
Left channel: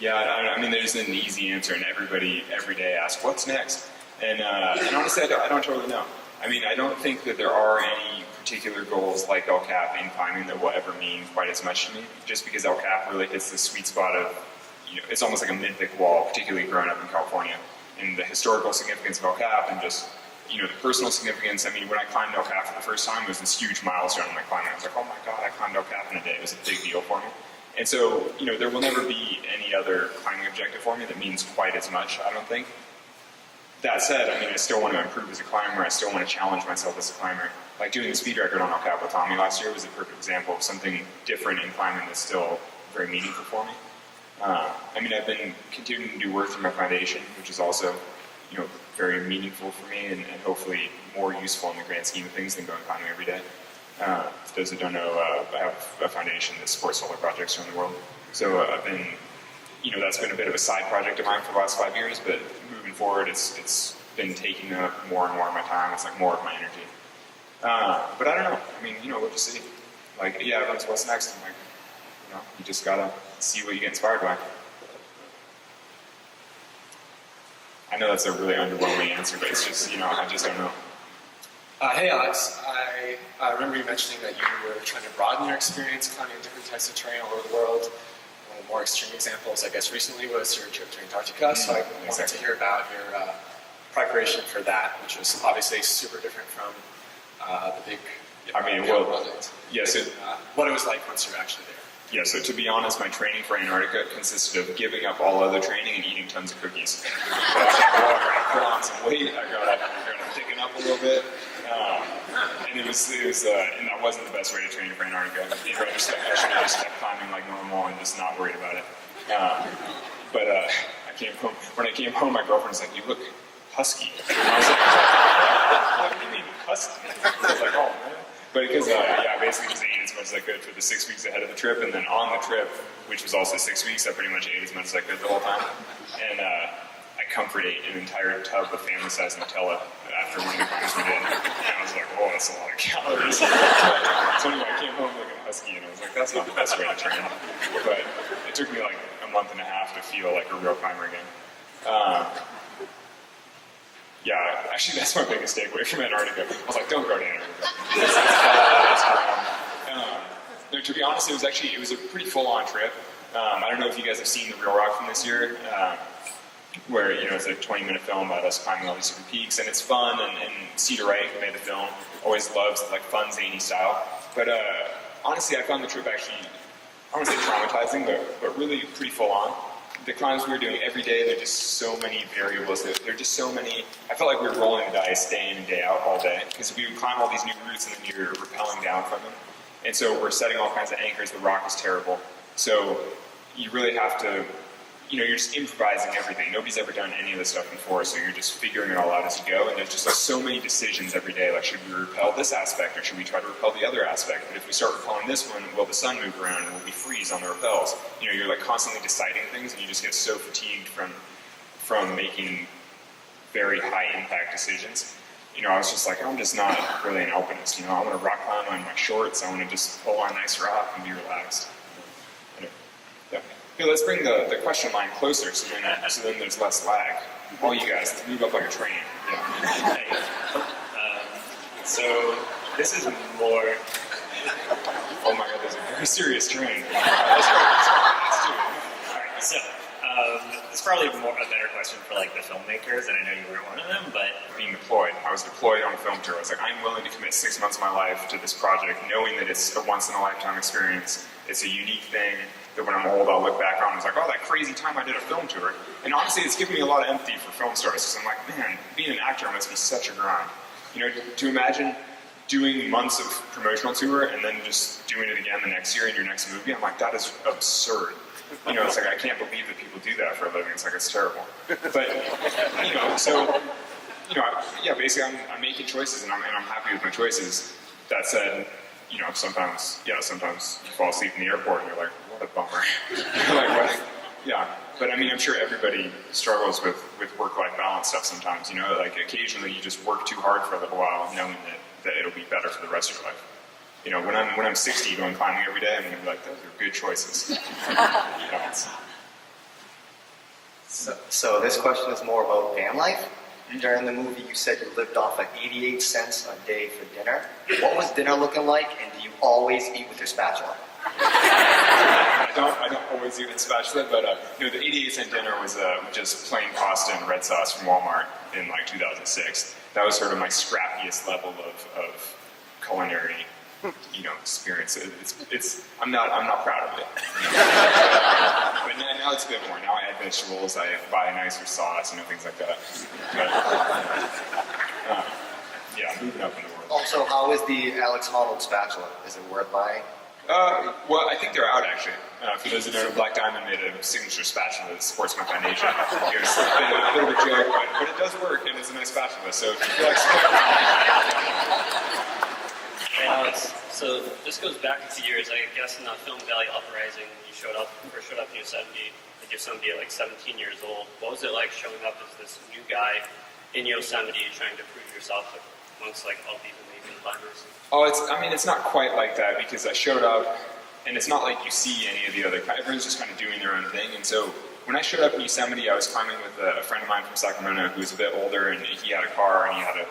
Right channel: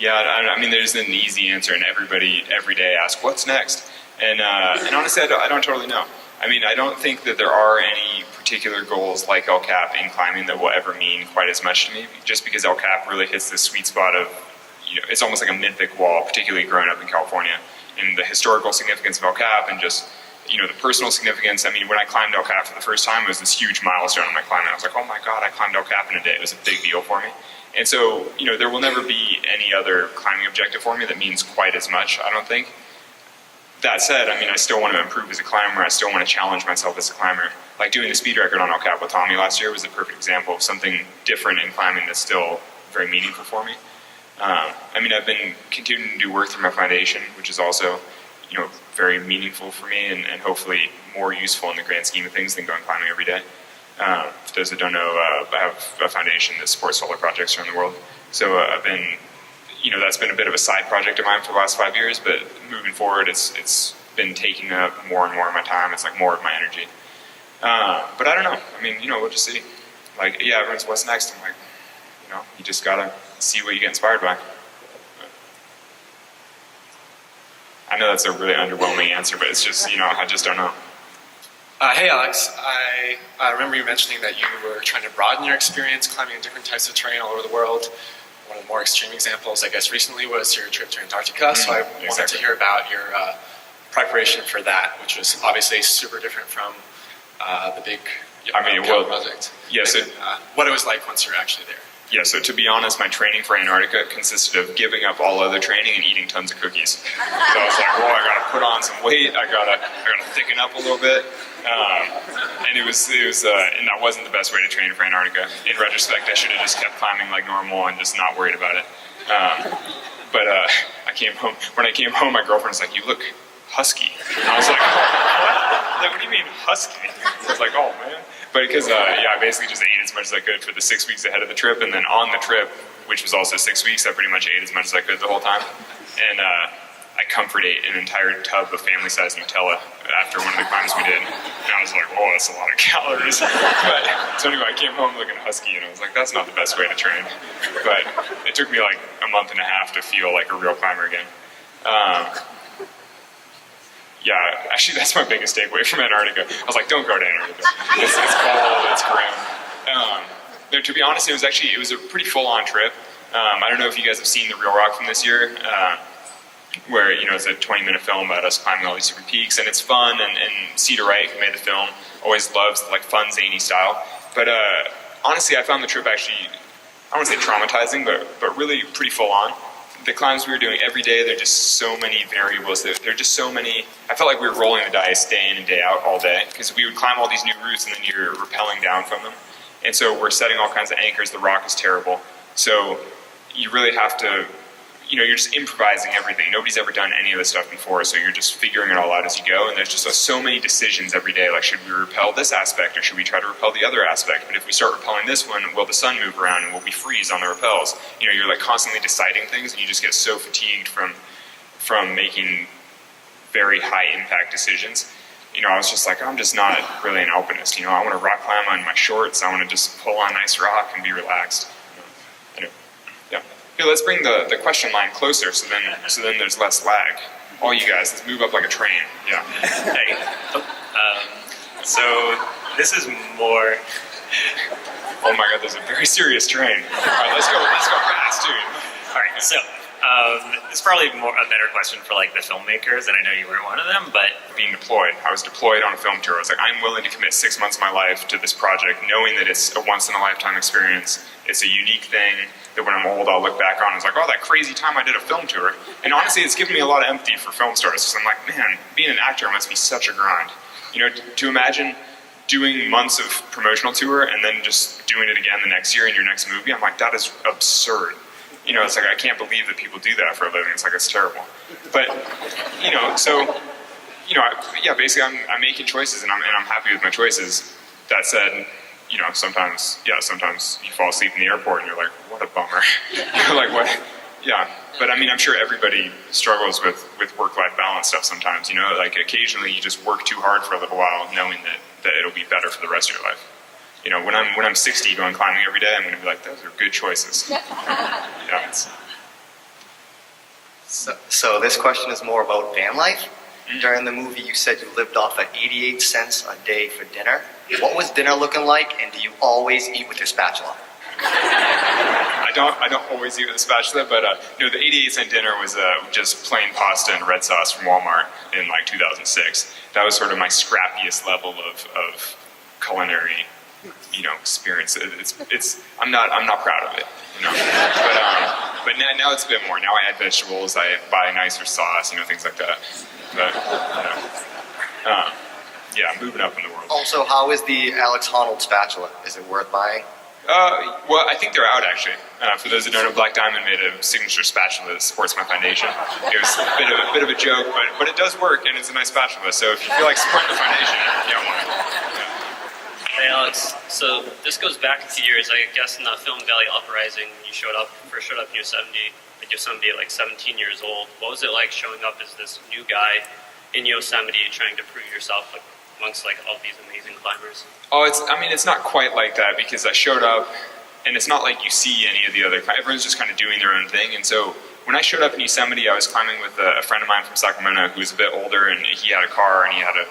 Yeah, there's an easy answer, and everybody every day asks, what's next? And honestly, I don't totally know. I don't think that there are any particular goals like El Cap in climbing that will ever mean quite as much to me, just because El Cap really hits the sweet spot of, it's almost like a mythic wall, particularly growing up in California, and the historical significance of El Cap and just, the personal significance. When I climbed El Cap for the first time, it was this huge milestone in my climbing. I was like, oh my God, I climbed El Cap in a day. It was a big deal for me. And so, there will never be any other climbing objective for me that means quite as much, I don't think. That said, I still want to improve as a climber. I still want to challenge myself as a climber. Like doing the speed record on El Cap with Tommy last year was a perfect example of something different in climbing that's still very meaningful for me. I've been continuing to do work through my foundation, which is also, very meaningful for me and hopefully more useful in the grand scheme of things than going climbing every day. For those that don't know, I have a foundation that supports solar projects around the world. So I've been, that's been a bit of a side project of mine for the last 5 years, but moving forward, it's been taking up more and more of my time. It's like more of my energy. But I don't know. We'll just see. Like, yeah, everyone's what's next. I'm like, you just gotta see what you get inspired by. I know that's a really underwhelming answer, but it's just, I just don't know. Hey Alex, I remember you mentioning that you were trying to broaden your experience climbing different types of terrain all over the world. One of the more extreme examples, I guess, recently was your trip to Antarctica, so I wanted to hear about your preparation for that, which was obviously super different from the big project. Yeah, so what it was like once you were actually there. Yeah, so to be honest, my training for Antarctica consisted of giving up all other training and eating tons of cookies. So I was like, well, I gotta put on some weight, I gotta thicken up a little bit. And it was, and that wasn't the best way to train for Antarctica. In retrospect, I should have just kept climbing like normal and just not worried about it. But I came home. When I came home, my girlfriend was like, "You look husky." And I was like, "What? Like, what do you mean husky?" I was like, "Oh man." But because I basically just ate as much as I could for the 6 weeks ahead of the trip, and then on the trip, which was also 6 weeks, I pretty much ate as much as I could the whole time. And I comfort ate an entire tub of family-sized Nutella after one of the climbs we did. And I was like, "Whoa, that's a lot of calories." But, so anyway, I came home looking husky, and I was like, "That's not the best way to train." But it took me like a month and a half to feel like a real climber again. Yeah, actually, that's my biggest takeaway from Antarctica. I was like, don't go to Antarctica. It's cold, it's grim. No, to be honest, it was a pretty full-on trip. I don't know if you guys have seen The Real Rock from this year, where, it's a 20-minute film about us climbing all these different peaks, and it's fun, and Cedar Wright, who made the film, always loves like fun, zany style. But honestly, I found the trip actually, I don't want to say traumatizing, but really pretty full-on. The climbs we were doing every day, there are just so many variables. There are just so many. I felt like we were rolling the dice day in and day out all day, because we would climb all these new routes and then you're rappelling down from them. And so we're setting all kinds of anchors. The rock is terrible. So you really have to, you're just improvising everything. Nobody's ever done any of this stuff before, so you're just figuring it all out as you go. And there's just so many decisions every day, like, should we repel this aspect or should we try to repel the other aspect? But if we start repelling this one, will the sun move around and will we freeze on the repels? You're like constantly deciding things, and you just get so fatigued from making very high impact decisions. I was just like, I'm just not really an alpinist. I want to rock climb on my shorts. I want to just pull on nice rock and be relaxed. Yeah. Here, let's bring the question line closer, so then there's less lag. All you guys, let's move up like a train. Yeah. Hey. So this is more. Oh my God, there's a very serious train. All right, let's go fast, dude. All right, so it's probably a better question for like the filmmakers, and I know you weren't one of them, but being deployed. I was deployed on a film tour. I was like, I'm willing to commit 6 months of my life to this project, knowing that it's a once-in-a-lifetime experience. It's a unique thing that when I'm old, I'll look back on and it's like, oh, that crazy time I did a film tour. And honestly, it's given me a lot of empathy for film stars, because I'm like, man, being an actor must be such a grind. To imagine doing months of promotional tour and then just doing it again the next year in your next movie, I'm like, that is absurd. It's like, I can't believe that people do that for a living. It's like, it's terrible. But, basically I'm making choices, and I'm happy with my choices. That said, sometimes you fall asleep in the airport and you're like, what a bummer. You're like, what? Yeah. But I'm sure everybody struggles with work-life balance stuff sometimes, like occasionally you just work too hard for a little while knowing that it'll be better for the rest of your life. When I'm 60 going climbing every day, I'm going to be like, those are good choices. So this question is more about van life. During the movie, you said you lived off at 88 cents a day for dinner. What was dinner looking like, and do you always eat with your spatula? I don't always eat with a spatula, but the 88-cent dinner was just plain pasta and red sauce from Walmart in like 2006. That was sort of my scrappiest level of culinary, experience. I'm not proud of it. But now it's a bit more. Now I add vegetables. I buy nicer sauce. Things like that. But moving up in the world. Also, how is the Alex Honnold spatula? Is it worth buying? Well, I think they're out, actually. For those who don't know, Black Diamond made a signature spatula that supports my foundation. It was a bit of a joke, but it does work, and it's a nice spatula. So if you feel like supporting the foundation, get one. Hey Alex, so this goes back a few years. I guess in the film Valley Uprising, you first showed up in Yosemite at like 17 years old. What was it like showing up as this new guy in Yosemite trying to prove yourself amongst like all these amazing climbers? Oh, it's not quite like that, because I showed up, and it's not like you see any of the other, everyone's just kind of doing their own thing. And so when I showed up in Yosemite, I was climbing with a friend of mine from Sacramento who was a bit older, and he had a car and he had a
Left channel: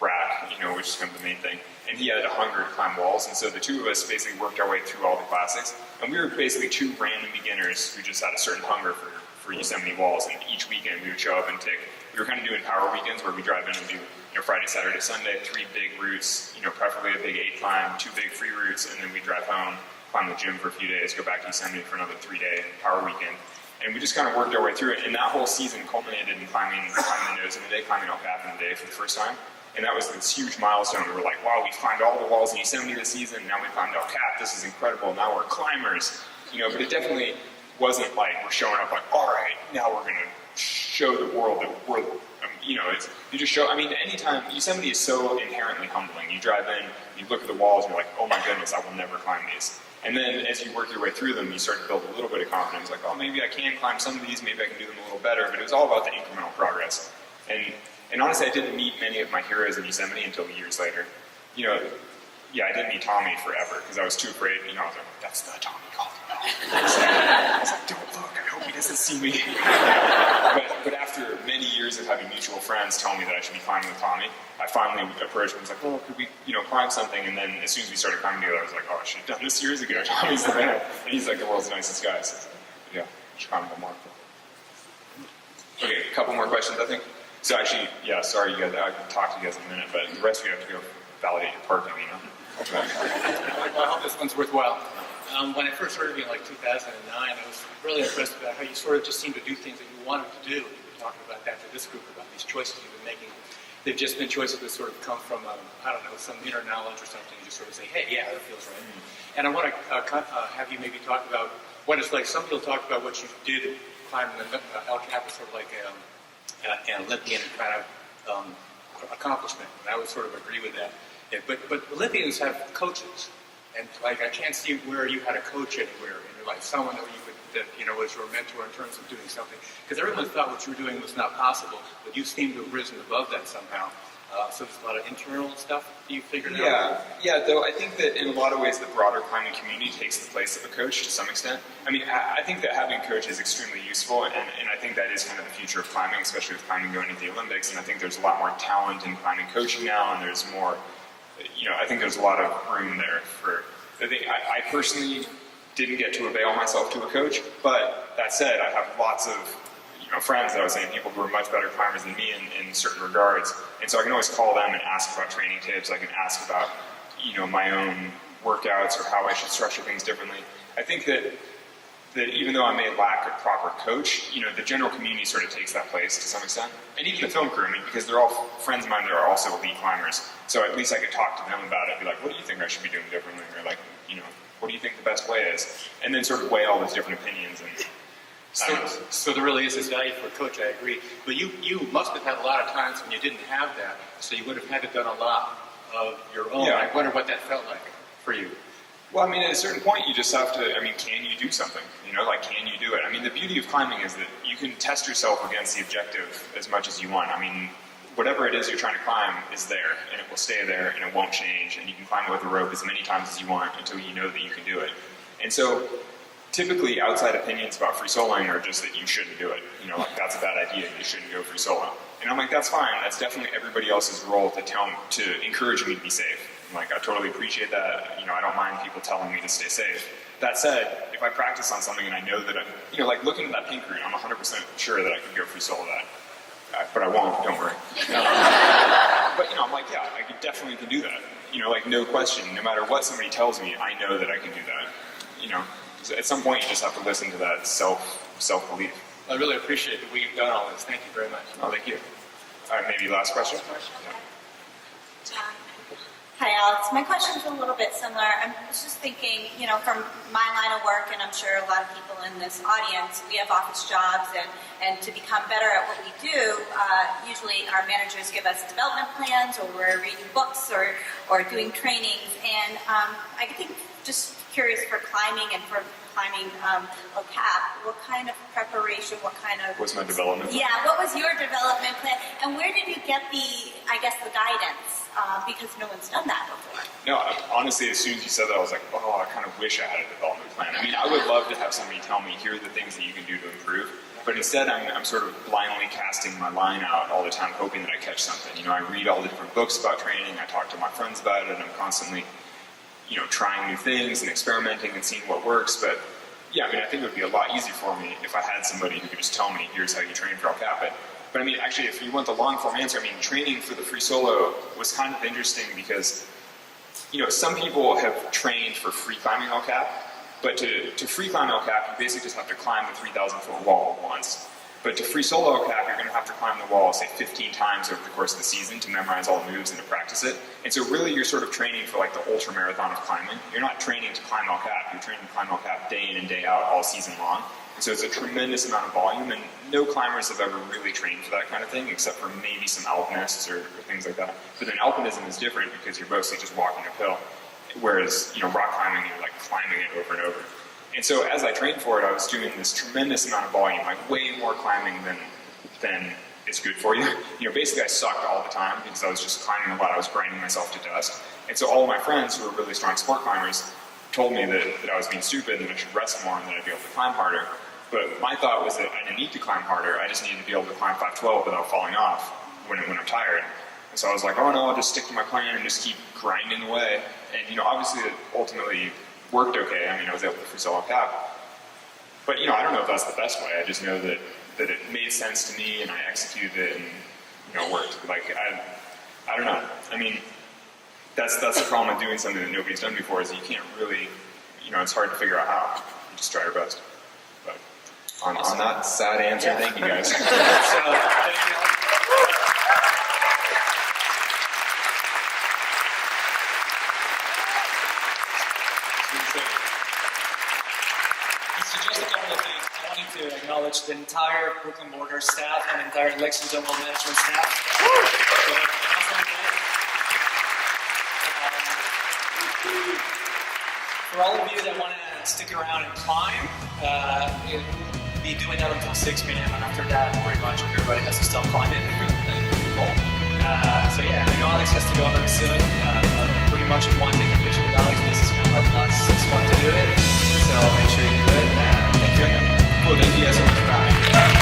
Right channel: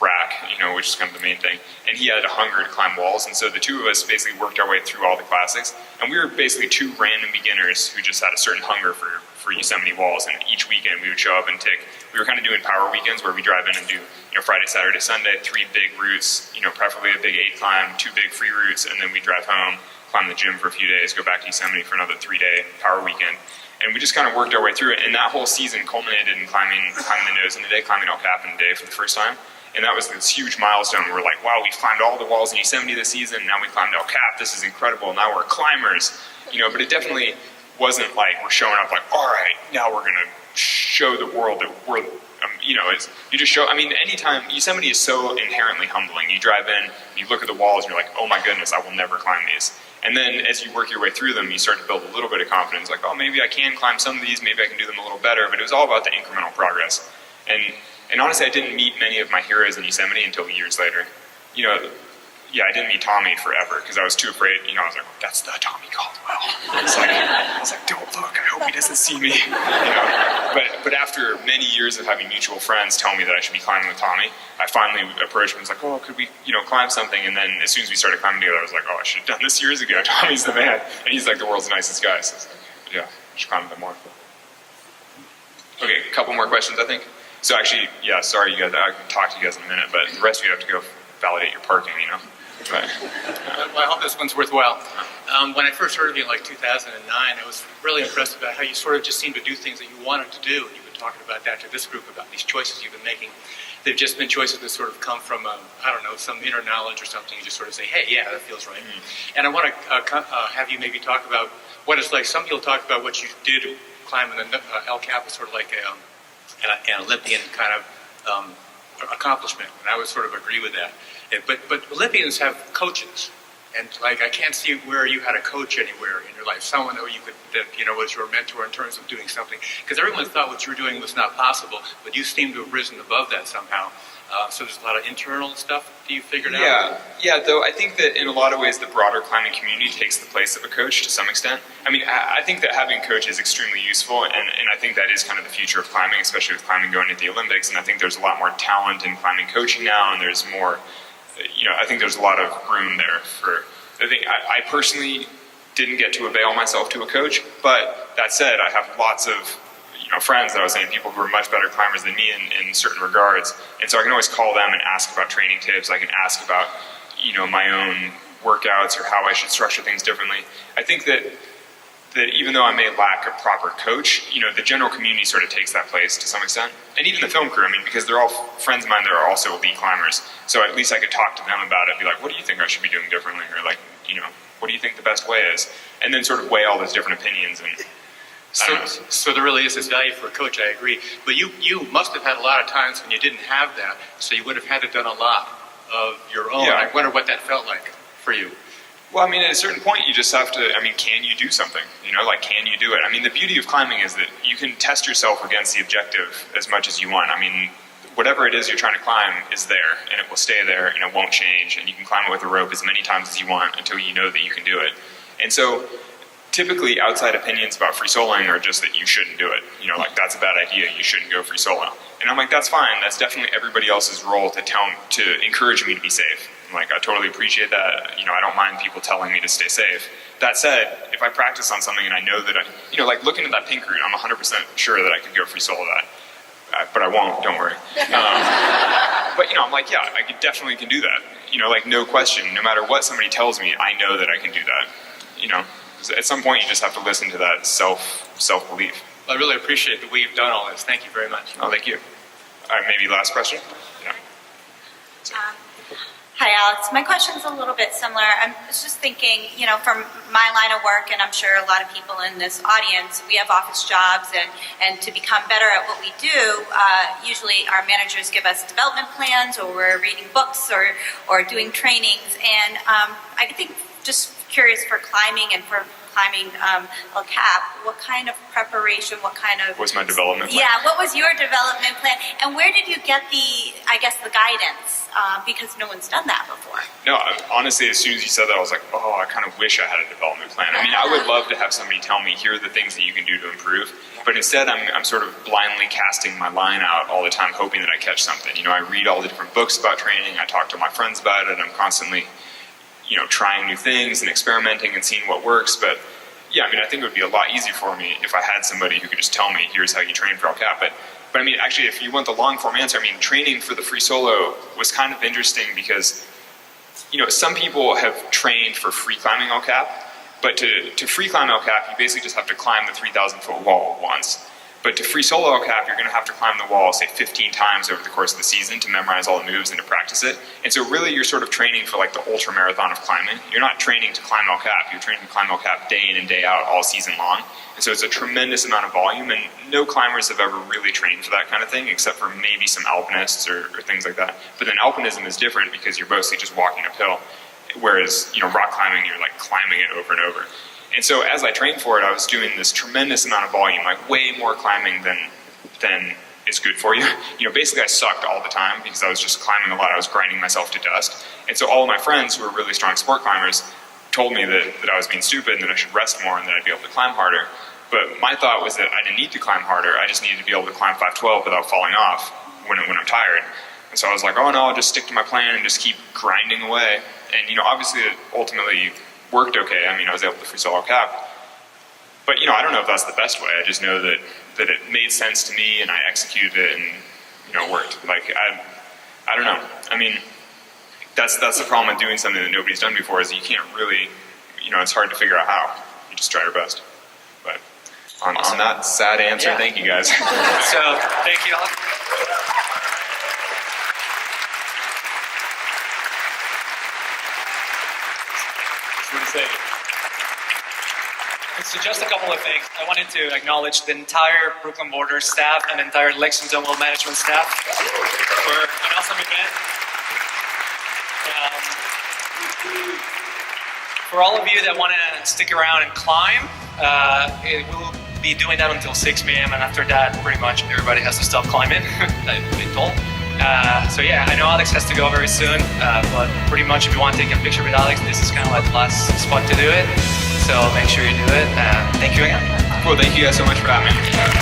rack, which is kind of the main thing, and he had a hunger to climb walls. And so the two of us basically worked our way through all the classics, and we were basically two random beginners who just had a certain hunger for Yosemite walls. And each weekend we would show up and tick. We were kind of doing power weekends where we drive in and do Friday, Saturday, Sunday, 3 big routes, preferably a big 8 climb, 2 big free routes, and then we drive home. climb the gym for a few days, go back to Yosemite for another 3-day power weekend. And we just kind of worked our way through it. And that whole season culminated in climbing the nose in a day, climbing El Capitan in a day for the first time. And that was this huge milestone. We're like, wow, we climbed all the walls in Yosemite this season. Now we climbed El Cap. This is incredible. Now we're climbers. But it definitely wasn't like we're showing up like, all right, now we're going to show the world that we're, it's, you just show, anytime, Yosemite is so inherently humbling. You drive in, you look at the walls, and you're like, oh my goodness, I will never climb these. And then as you work your way through them, you start to build a little bit of confidence, like, oh, maybe I can climb some of these, maybe I can do them a little better, but it was all about the incremental progress. And honestly, I didn't meet many of my heroes in Yosemite until years later. I didn't meet Tommy forever because I was too afraid. I was like, that's the Tommy Caldwell. I was like, don't look. I hope he doesn't see me. But after many years of having mutual friends tell me that I should be climbing with Tommy, I finally approached him and was like, oh, could we, climb something? And then as soon as we started climbing together, I was like, oh, I should have done this years ago. Tommy's the man, and he's like the world's nicest guy. So I should climb with him more. Okay, a couple more questions, I think. So actually, sorry, you guys. I can talk to you guys in a minute, but the rest of you have to go validate your parking. But, Well, I hope this one's worthwhile. When I first heard of you in 2009, I was really impressed about how you sort of just seemed to do things that you wanted to do. And you've been talking about that to this group, about these choices you've been making. They've just been choices that sort of come from, some inner knowledge or something. You just sort of say, hey, yeah, that feels right. And I want to have you maybe talk about what it's like. Some people talk about what you did climbing the El Cap was sort of like an Olympian kind of accomplishment, and I would sort of agree with that. But Olympians have coaches, and I can't see where you had a coach anywhere in your life, someone that was your mentor in terms of doing something, because everyone thought what you were doing was not possible, but you seem to have risen above that somehow. So there's a lot of internal stuff that you figured out? Yeah, though I think that in a lot of ways the broader climbing community takes the place of a coach to some extent. I think that having a coach is extremely useful, and I think that is kind of the future of climbing, especially with climbing going to the Olympics, and I think there's a lot more talent in climbing coaching now, and there's more, I think there's a lot of room there for, I personally didn't get to avail myself to a coach, but that said, I have lots of friends that I was saying, people who are much better climbers than me in certain regards. And so I can always call them and ask about training tips. I can ask about, my own workouts or how I should structure things differently. I think that even though I may lack a proper coach, the general community sort of takes that place to some extent. And even the film crew, because they're all friends of mine that are also elite climbers. So at least I could talk to them about it, be like, what do you think I should be doing differently? Or what do you think the best way is? And then sort of weigh all those different opinions and So there really is this value for a coach, I agree. But you must have had a lot of times when you didn't have that, so you would have had to done a lot of your own. I wonder what that felt like for you. Well, at a certain point you just have to, can you do something? Can you do it? The beauty of climbing is that you can test yourself against the objective as much as you want. Whatever it is you're trying to climb is there, and it will stay there, and it won't change, and you can climb it with a rope as many times as you want until you know that you can do it. And so, typically, outside opinions about free soloing are just that you shouldn't do it. That's a bad idea. You shouldn't go free solo. And I'm like, that's fine. That's definitely everybody else's role to encourage me to be safe. I totally appreciate that. I don't mind people telling me to stay safe. That said, if I practice on something and I know that looking at that pink route, I'm 100% sure that I could go free solo that. But I won't, don't worry. But I'm like, yeah, I definitely can do that. No question. No matter what somebody tells me, I know that I can do that. At some point, you just have to listen to that self-belief. I really appreciate the way you've done all this. Thank you very much. Oh, thank you. All right, maybe last question? Yeah. Hi, Alex. My question's a little bit similar. I was just thinking, from my line of work, and I'm sure a lot of people in this audience, we have office jobs, and to become better at what we do, usually our managers give us development plans, or we're reading books, or doing trainings. And I think, just curious, for climbing and for climbing El Cap, what kind of preparation, What's my development plan? Yeah, what was your development plan? And where did you get the guidance? Because no one's done that before. No, honestly, as soon as you said that, I was like, oh, I kind of wish I had a development plan. I would love to have somebody tell me, here are the things that you can do to improve. But instead, I'm sort of blindly casting my line out all the time, hoping that I catch something. I read all the different books about training. I talk to my friends about it. I'm constantly trying new things and experimenting and seeing what works. But yeah, I think it would be a lot easier for me if I had somebody who could just tell me, here's how you train for El Cap. But actually, if you want the long form answer, training for the free solo was kind of interesting because some people have trained for free climbing El Cap, but to free climb El Cap, you basically just have to climb the 3,000-foot wall once. But to free solo El Cap, you're going to have to climb the wall, say, 15 times over the course of the season to memorize all the moves and to practice it. And so really you're sort of training for like the ultra marathon of climbing. You're not training to climb El Cap, you're training to climb El Cap day in and day out all season long. And so it's a tremendous amount of volume, and no climbers have ever really trained for that kind of thing, except for maybe some alpinists or things like that. But then alpinism is different because you're mostly just walking uphill, whereas rock climbing, you're like climbing it over and over. And so as I trained for it, I was doing this tremendous amount of volume, like way more climbing than is good for you. Basically I sucked all the time because I was just climbing a lot. I was grinding myself to dust. And so all of my friends who were really strong sport climbers told me that I was being stupid and that I should rest more and that I'd be able to climb harder. But my thought was that I didn't need to climb harder. I just needed to be able to climb 512 without falling off when I'm tired. And so I was like, oh no, I'll just stick to my plan and just keep grinding away. And obviously it ultimately worked okay. I was able to free solo Cap. But I don't know if that's the best way. I just know that it made sense to me and I executed it and it worked. Like I don't know. That's the problem with doing something that nobody's done before, is that you can't really, it's hard to figure out how. You just try your best. But on that sad answer, thank you guys. So thank you, Alex. So just a couple of things. I wanted to acknowledge the entire Brooklyn Border staff and entire Lexington Well Management staff for an awesome event. For all of you that want to stick around and climb, it will be doing that until 6 p.m. and after that, pretty much everybody has to stop climbing. I've been told. So yeah, I know Alex has to go very soon, but pretty much if you want to take a picture with Alex, this is kind of like the last spot to do it. So make sure you do it. Thank you again. Cool, thank you guys so much for having me.